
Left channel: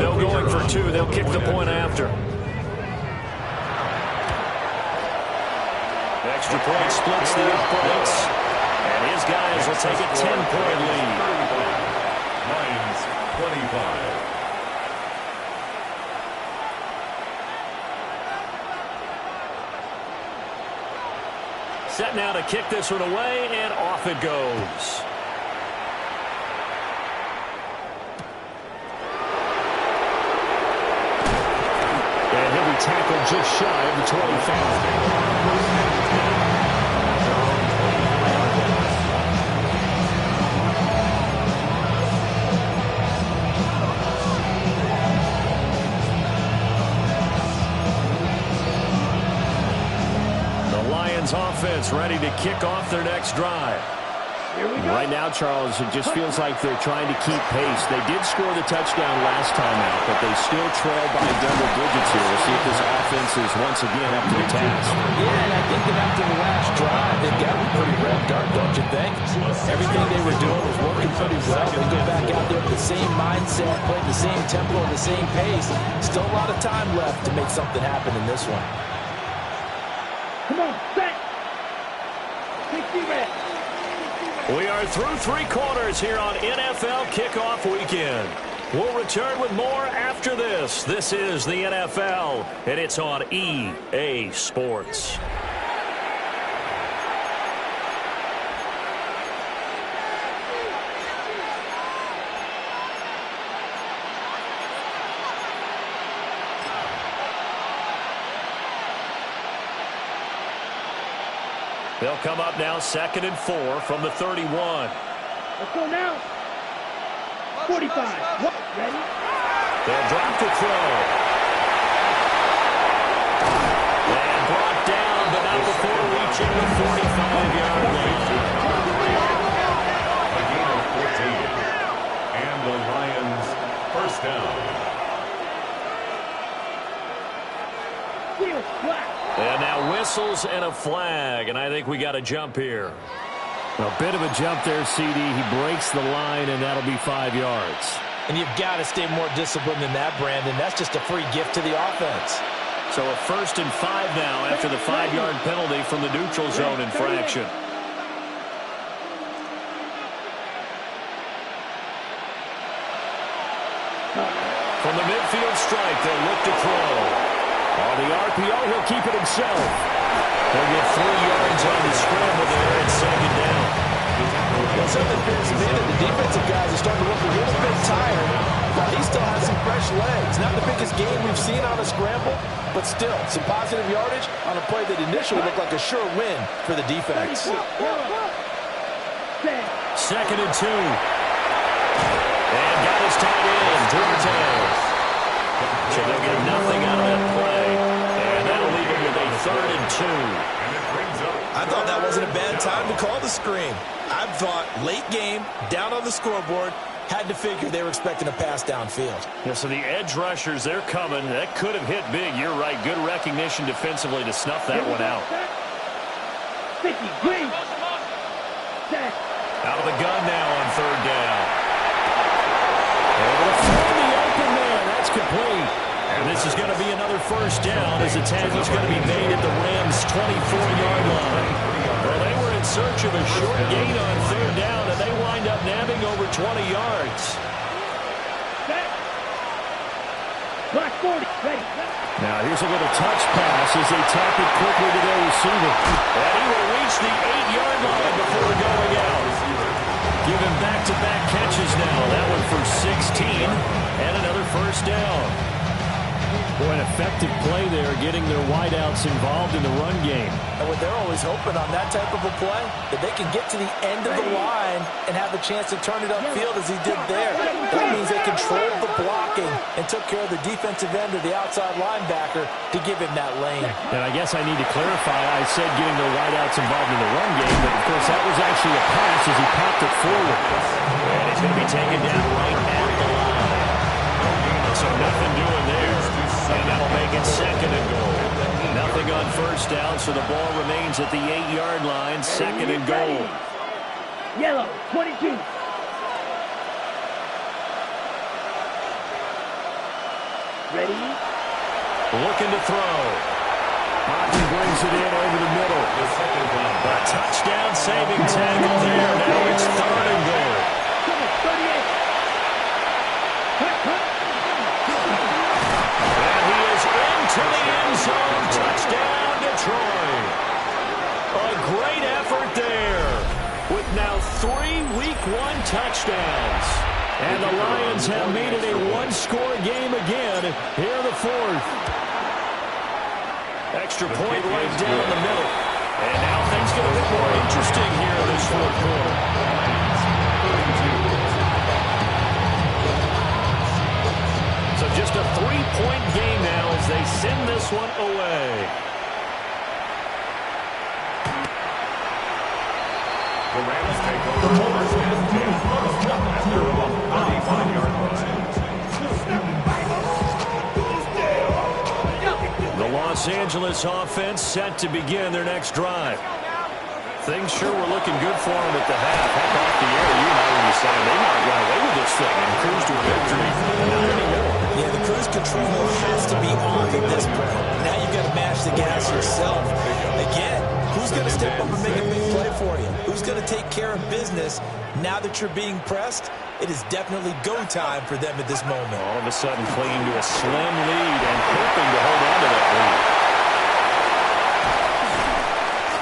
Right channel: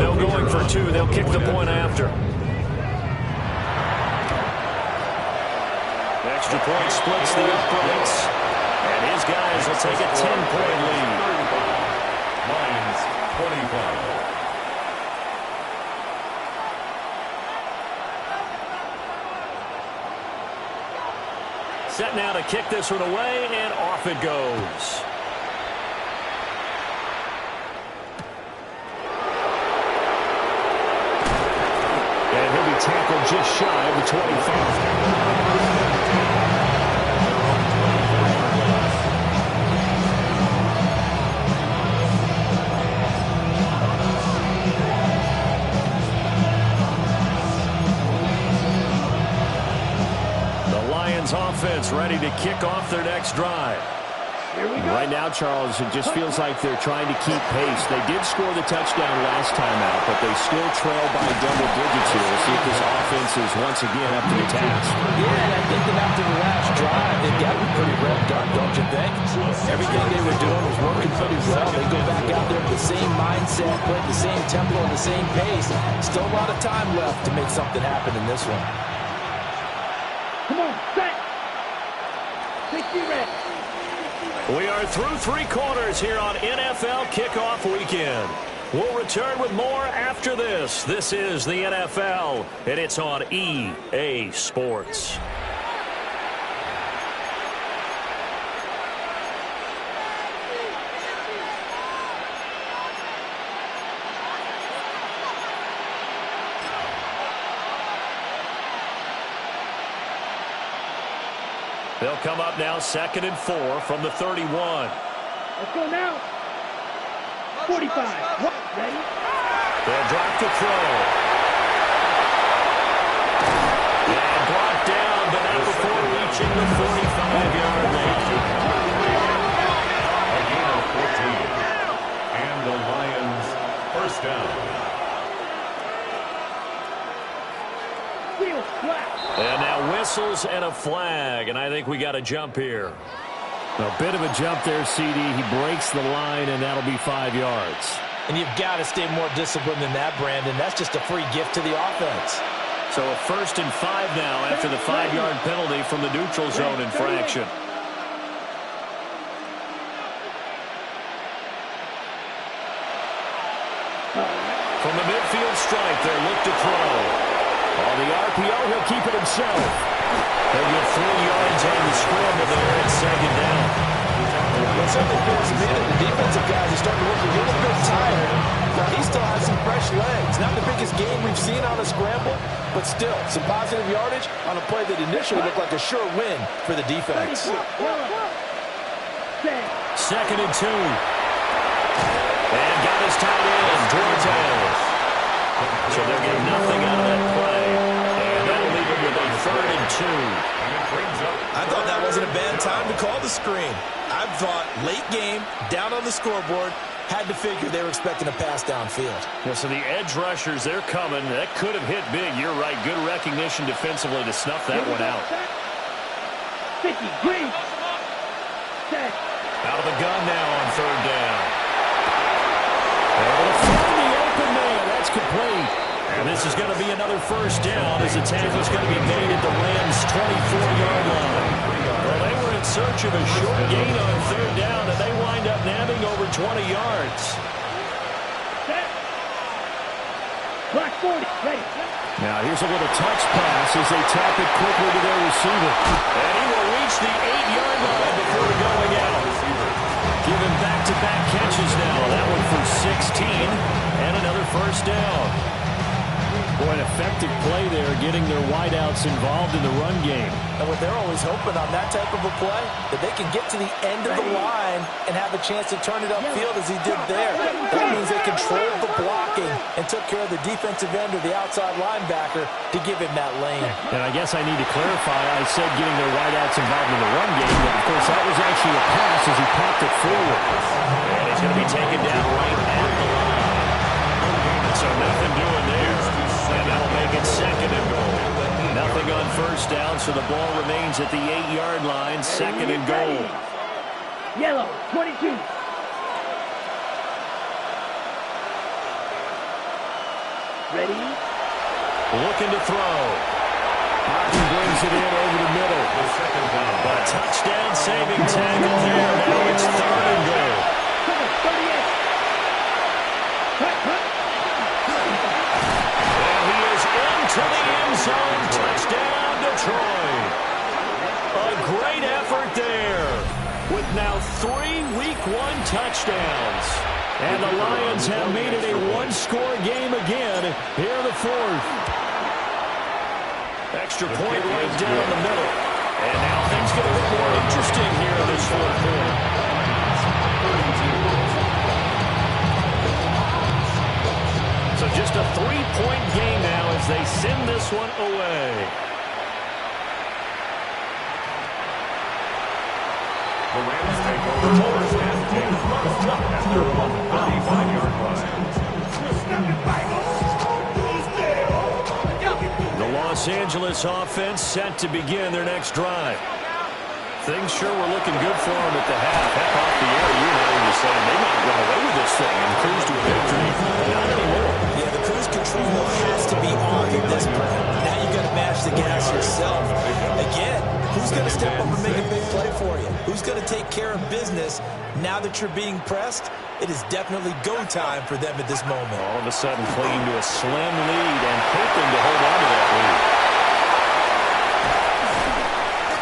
No going for 2. They'll kick the point after. Extra point splits the uprights. And his guys will take a 10-point lead. Lions 25. Set now to kick this one away, and off it goes. And he'll be tackled just shy of the 25. Offense ready to kick off their next drive. Right now, Charles, it just feels like they're trying to keep pace. They did score the touchdown last time out, but they still trail by double digits here. We'll see if this offense is once again up to the task. Yeah, and I think that after the last drive, they've gotten pretty revved up, don't you think? Everything they were doing was working pretty well. They go back out there with the same mindset, playing the same tempo and the same pace. Still a lot of time left to make something happen in this one. Come on, set. 60 reps. We are through 3 quarters here on NFL Kickoff Weekend. We'll return with more after this. This is the NFL, and it's on EA Sports. They'll come up now 2nd and 4 from the 31. Let's go now. 45. Ready? They'll drop to throw. And brought down, but not before reaching the 45-yard line. A gain of 14. And the Lions first down. And now whistles and a flag, and I think we got a jump here. A bit of a jump there, CD. He breaks the line, and that'll be 5 yards. And you've got to stay more disciplined than that, Brandon. That's just a free gift to the offense. So a 1st and 5 now after the 5-yard penalty from the neutral zone infraction. From the midfield stripe, they'll look to throw. On the RPO, he'll keep it himself. They'll get 3 yards on the scramble there at second down. Well, it certainly appears to me that the defensive guys are starting to look a little bit tired. Now, he still has some fresh legs. Not the biggest game we've seen on a scramble, but still, some positive yardage on a play that initially looked like a sure win for the defense. Second and 2. And got his tight end, Duarte. So they'll get nothing out of that play. And that'll leave him with a 3rd and 2. I thought that wasn't a bad time to call the screen. I thought late game, down on the scoreboard, had to figure they were expecting a pass downfield. Yeah, so the edge rushers, they're coming. That could have hit big. You're right. Good recognition defensively to snuff that one out. 50, green. Out of the gun now on 3rd down. Able to find the open man. That's complete. And this is going to be another first down as the tackle's going to be made at the Rams' 24-yard line. Well, they were in search of a short gain on 3rd down, and they wind up nabbing over 20 yards. Black 40, ready. Now here's a little touch pass as they tap it quickly to their receiver. And he will reach the 8-yard line before going out. Give him back-to-back catches now. That one for 16 and another first down. Boy, an effective play there, getting their wideouts involved in the run game. And what they're always hoping on that type of a play, that they can get to the end of the line and have a chance to turn it upfield as he did there. That means they controlled the blocking and took care of the defensive end or the outside linebacker to give him that lane. And I guess I need to clarify, I said getting their wideouts involved in the run game, but of course that was actually a pass as he popped it forward. And he's going to be taken down right at the line. So nothing doing there. And that'll make it 2nd and goal. Nothing on first down, so the ball remains at the 8-yard line, 2nd and goal. Yellow, 22. Ready? Looking to throw. Hodgson brings it in over the middle. A touchdown saving tackle there. Now it's 3rd and goal. 38. Cut. To the end zone, touchdown Detroit. A great effort there with now 3 Week 1 touchdowns. And the Lions have made it a 1-score game again here in the 4th. Extra point right down the middle. And now things get a bit more interesting here in this 4th quarter. So just a 3-point game now as they send this one away. The Rams take over first and 10 at their own 35-yard line. The Los Angeles offense set to begin their next drive. Things sure were looking good for them at the half. Heck, off the air, you and I were just saying they might run away with this thing and cruise to a victory. Not anymore. Yeah, the cruise control has to be off at this point. Now you've got to mash the gas yourself. Again, who's going to step up and make a big play for you? Who's going to take care of business now that you're being pressed? It is definitely go time for them at this moment. All of a sudden clinging to a slim lead and hoping to hold on to that lead.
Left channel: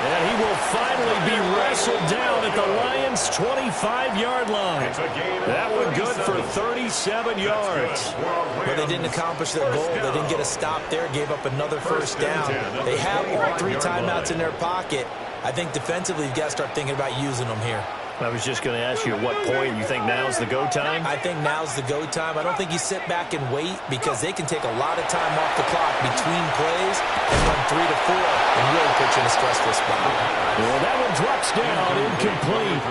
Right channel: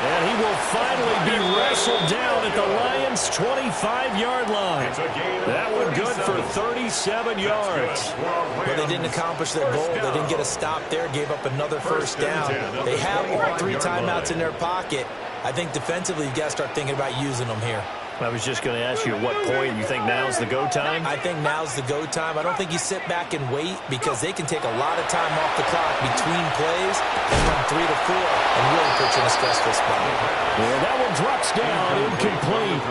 And he will finally be wrestled down at the Lions' 25-yard line. That one good for 37 yards. But they didn't accomplish their goal. They didn't get a stop there, gave up another first down. They have all 3 timeouts in their pocket. I think defensively you've got to start thinking about using them here. I was just going to ask you at what point you think now's the go time? I think now's the go time. I don't think you sit back and wait because they can take a lot of time off the clock between plays and run 3 to 4 and really put you in a stressful spot. Well, that one drops down, incomplete.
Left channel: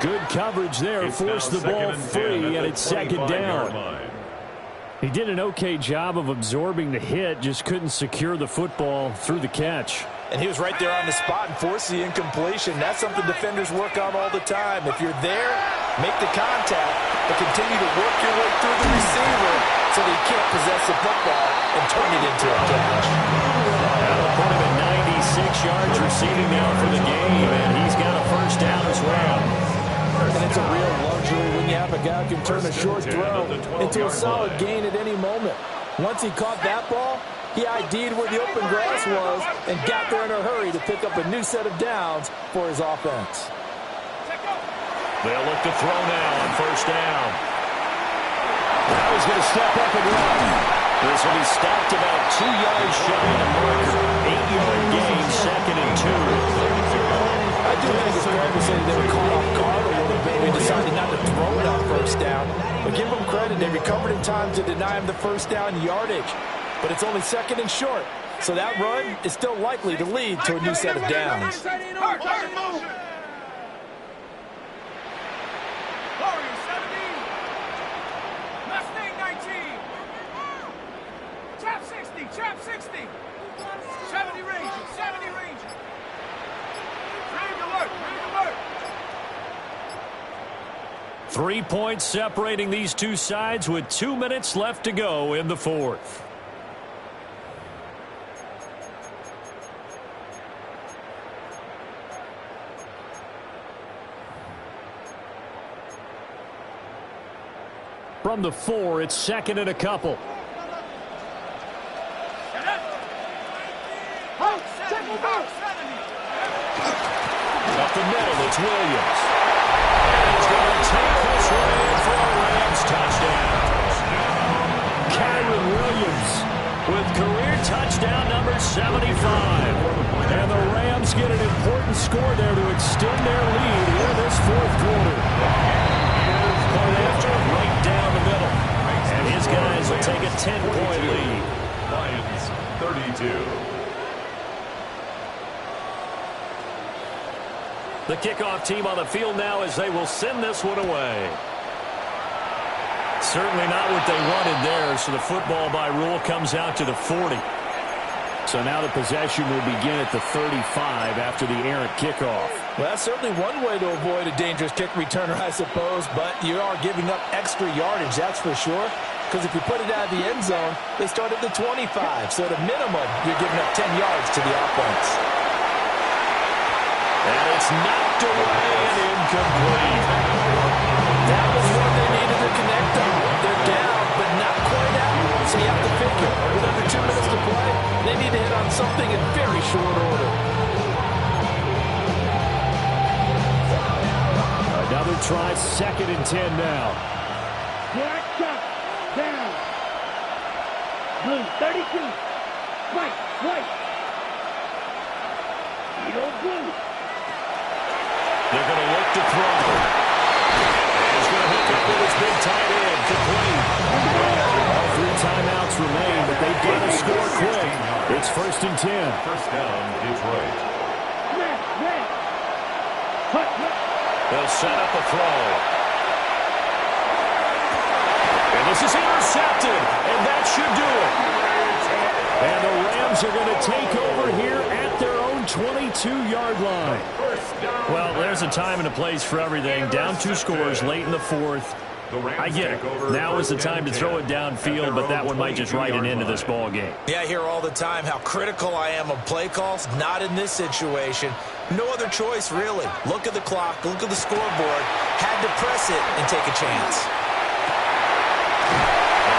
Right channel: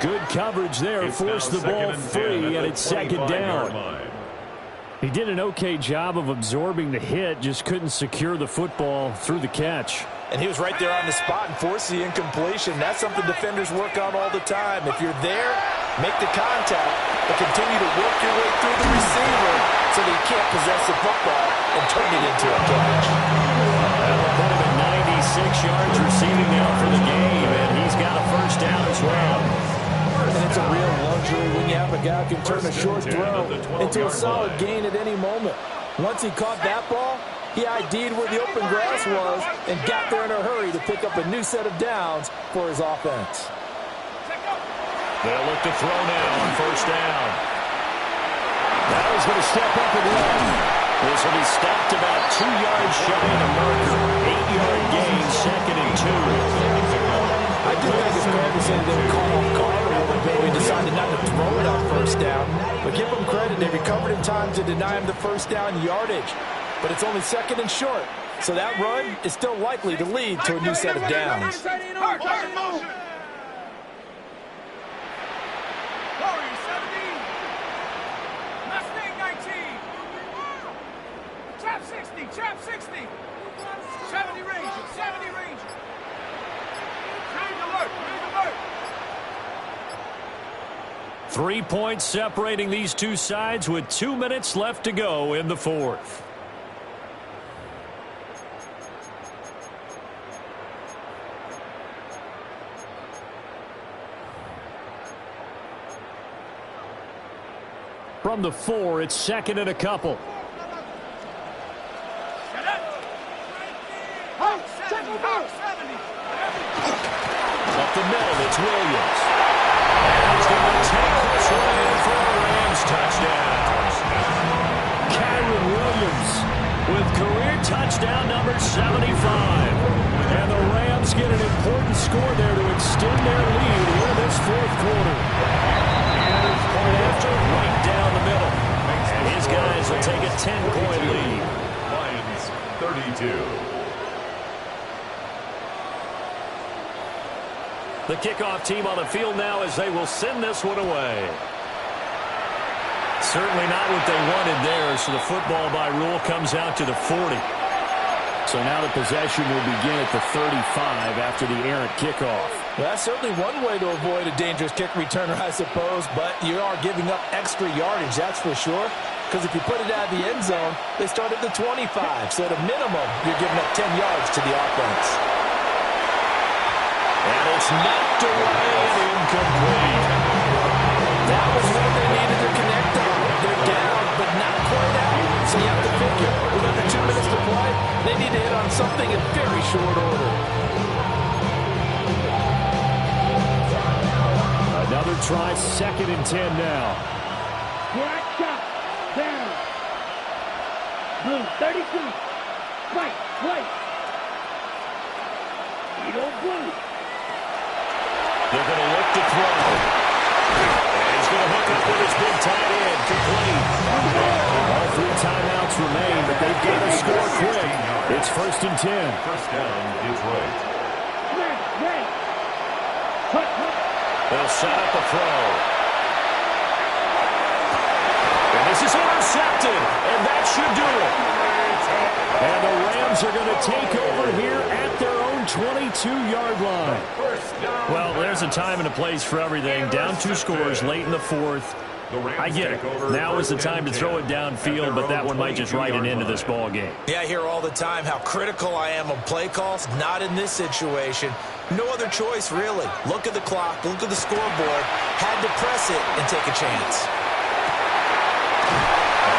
Good coverage there, forced the ball free, and it's 2nd down. He did an okay job of absorbing the hit, just couldn't secure the football through the catch. And he was right there on the spot and forced the incompletion. That's something defenders work on all the time. If you're there, make the contact, but continue to work your way through the receiver so that you can't possess the football and turn it into a catch. That'll put him at 96 yards receiving now for the game, and he's got a first down as well. And it's a real luxury when you have a guy who can turn a short throw into a solid gain at any moment. Once he caught that ball, He ID'd where the open grass was and got there in a hurry to pick up a new set of downs for his offense. They'll look to throw now on first down. Now he's going to step up and run. This will be stopped about 2 yards shy of the marker. 8-yard gain, 2nd and 2. I do think it's fair to say they were caught off guard a little bit. We decided not to throw it on first down. But give them credit. They recovered in time to deny him the first down yardage. But it's only 2nd and short. So that run is still likely to lead to a new set of downs. Warriors 70. Mustang 19. Trap 60. Trap 60. 70 Ranger. 70 Ranger. Range alert. Range alert. 3 points separating these two sides with 2 minutes left to go in the fourth. From the 4, it's 2nd and a couple. Up the middle, it's Williams. And he's going to take this one in for a Rams touchdown. Kyron Williams with career touchdown number 75. And the Rams get an important score there to extend their lead here in this fourth quarter. Point after, right down the middle. And his guys will take a 10-point lead. Lions 32. The kickoff team on the field now as they will send this one away. Certainly not what they wanted there, so the football by rule comes out to the 40. So now the possession will begin at the 35 after the errant kickoff. Well, that's certainly one way to avoid a dangerous kick returner, I suppose, but you are giving up extra yardage, that's for sure. Because if you put it out of the end zone, they start at the 25. So at a minimum, you're giving up 10 yards to the offense. And it's knocked away and incomplete. That was one they needed to connect on. They're down, but not quite out. So you have to figure, with under 2 minutes to play, they need to hit on something in very short order. Another try, 2nd and 10 now. Black shot. Down. Blue 32. White. White. Eagle blue. They're going to look to throw. And he's going to hook up with his big tight end. Complete. All 3 timeouts remain, but they've got to score quick. It's 1st and 10. First down, Detroit. Red. Hut. They'll set up a throw. And this is intercepted. And that should do it. And the Rams are going to take over here at their own 22-yard line. Well, there's a time and a place for everything. Down 2 scores late in the fourth. I get it. Now is the time to throw it downfield, but that one might just write an end to this ball game. Yeah, I hear all the time how critical I am of play calls. Not in this situation. No other choice, really. Look at the clock. Look at the scoreboard. Had to press it and take a chance.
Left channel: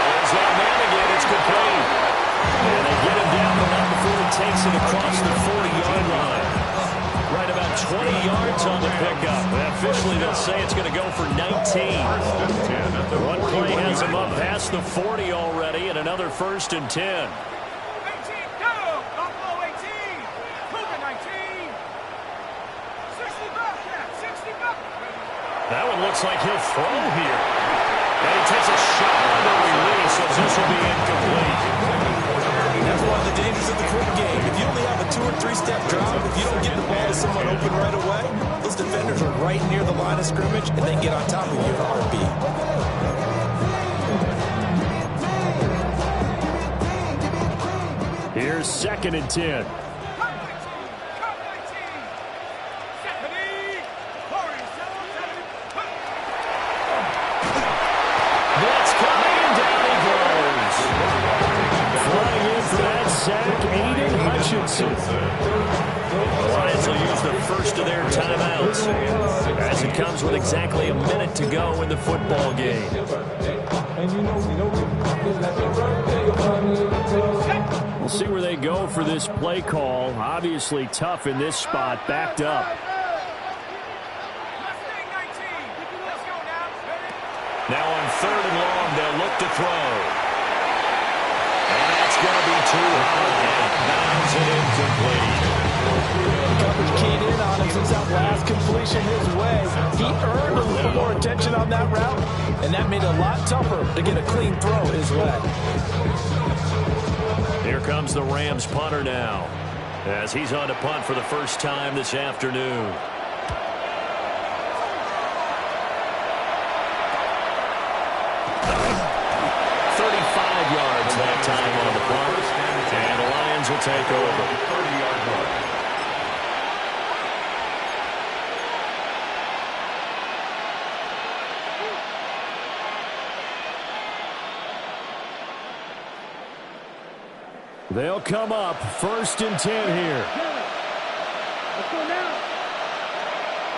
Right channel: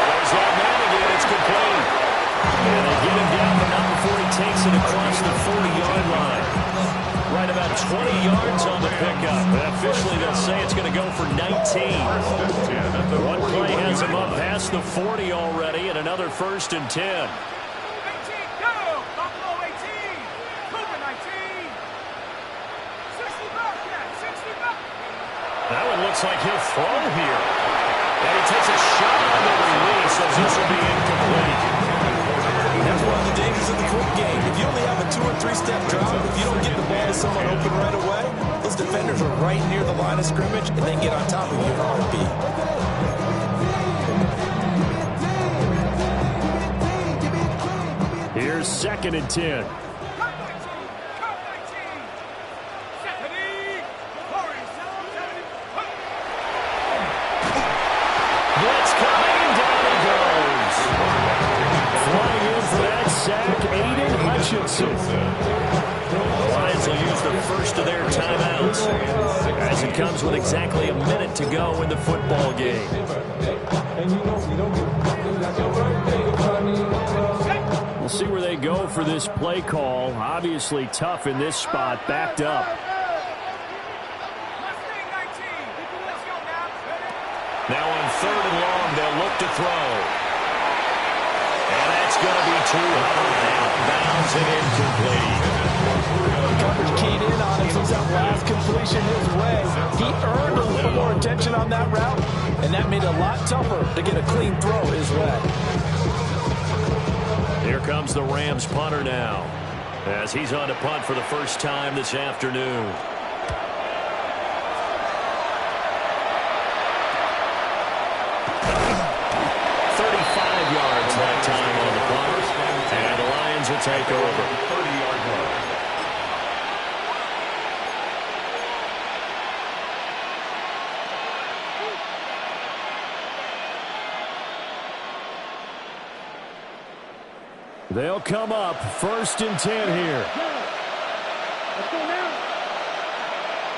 There's that man again. It's complete. And they get him down, but not before he takes it across the 40-yard line. Right about 20 yards on the pickup. Officially, they'll say it's going to go for 19. One play has him up past the 40 already, and another 1st and 10. 18, go! Buffalo 18. Cougar 19. 60 bucks, yeah, 60 bucks. That one looks like he'll throw here. And he takes a shot on the release, so this will be incomplete. That's one of the dangers of the quick game. If you only have a 2- or 3-step drop, if you don't get the ball to someone open right away, those defenders are right near the line of scrimmage, and they can get on top of you in a heartbeat. Here's 2nd and 10. Blitz coming, and down he goes. Flying in for that sack, Aiden Hutchinson. The Lions will use the first of their timeouts as it comes with exactly a minute to go in the football game. We'll see where they go for this play call. Obviously tough in this spot, backed up. Now on 3rd and long, they'll look to throw. And that's going to be too high. Out of bounds and incomplete. The coverage keyed in on him since that last completion his way. He earned a little more attention on that route, and that made it a lot tougher to get a clean throw his way. Here comes the Rams punter now, as he's on to punt for the first time this afternoon. 35 yards that time on the punt, and the Lions will take over. 30-yard line. They'll come up 1st and 10 here. Let's go now.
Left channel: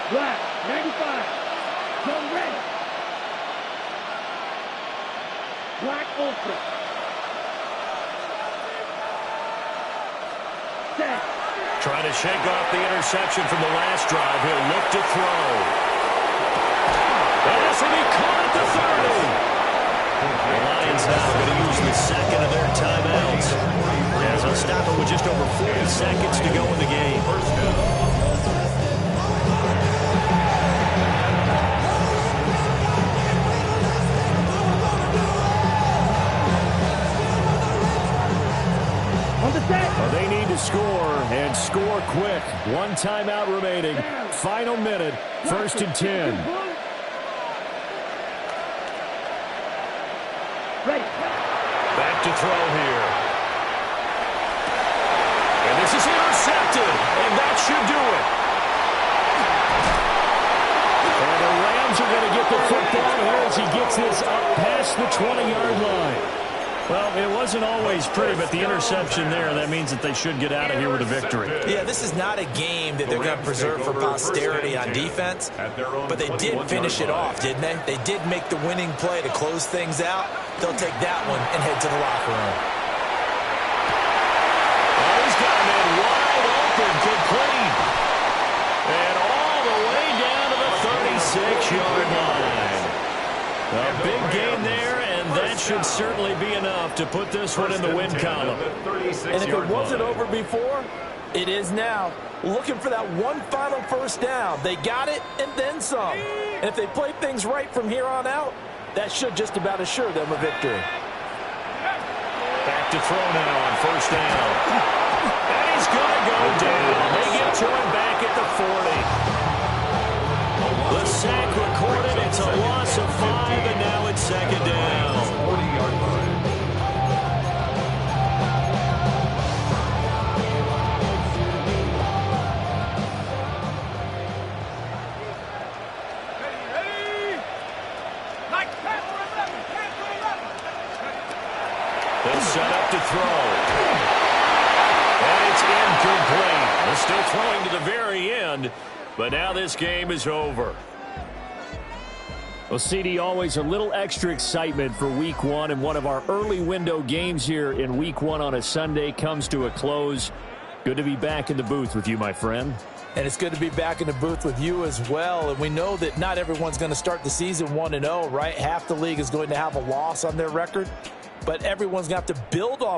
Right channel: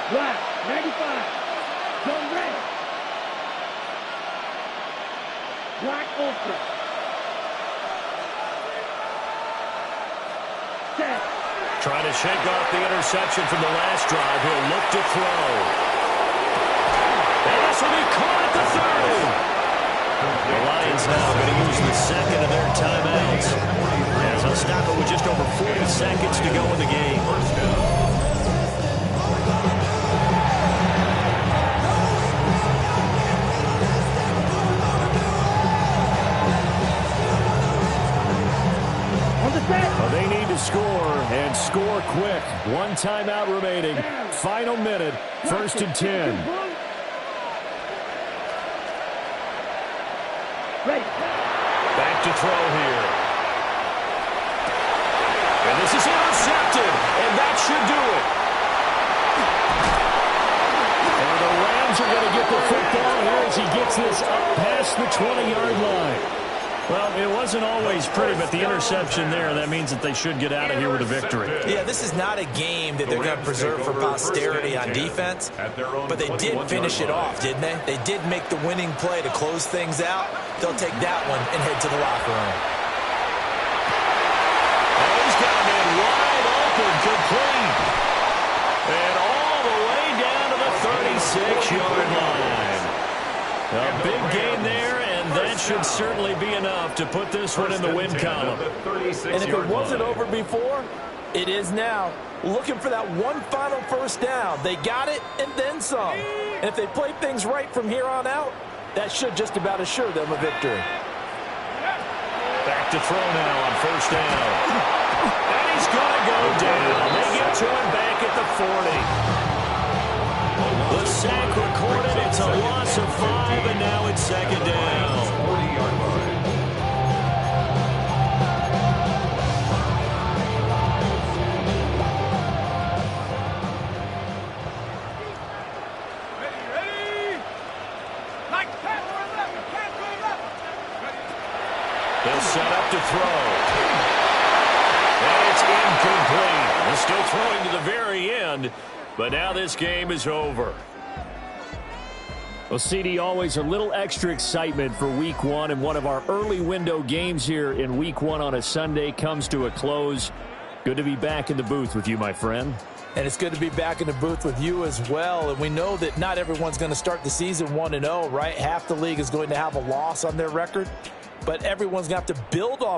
Black, 95. Zone ready. Black ultra. Set. Trying to shake off the interception from the last drive. He'll look to throw. And this will be caught at the 30. The Lions now going to use the second of their timeouts, as they'll stop it with just over 40 seconds to go in the game. Well, they need to score, and score quick. 1 timeout remaining. Final minute, 1st and 10. Back to throw here. And this is intercepted, and that should do it. And the Rams are going to get the football here as he gets this up past the 20-yard line. Well, it wasn't always pretty, but the interception there, that means that they should get out of here with a victory. Yeah, this is not a game that they're going to preserve for posterity on defense, but they did finish it off, didn't they? They did make the winning play to close things out. They'll take that one and head to the locker room. Oh, he's got him in wide open, complete. And all the way down to the 36-yard line. A big gain there, and that should certainly be enough to put this one in the win column. And if it wasn't over before, it is now. Looking for that one final first down. They got it and then some. And if they play things right from here on out, that should just about assure them a victory. Back to throw now on 1st down. And he's going to go down. They get to him back at the 40. The sack recorded. It's a loss of 5, and now it's 2nd down. 40-yard line. Ready. Like pass for 11. Can't go 11. They'll set up to throw. And it's incomplete. They're still throwing to the very end, but now this game is over. Well, CD, always a little extra excitement for Week 1, and one of our early window games here in Week 1 on a Sunday comes to a close. Good to be back in the booth with you, my friend. And it's good to be back in the booth with you as well. And we know that not everyone's going to start the season 1-0, right? Half the league is going to have a loss on their record, but everyone's going to have to build off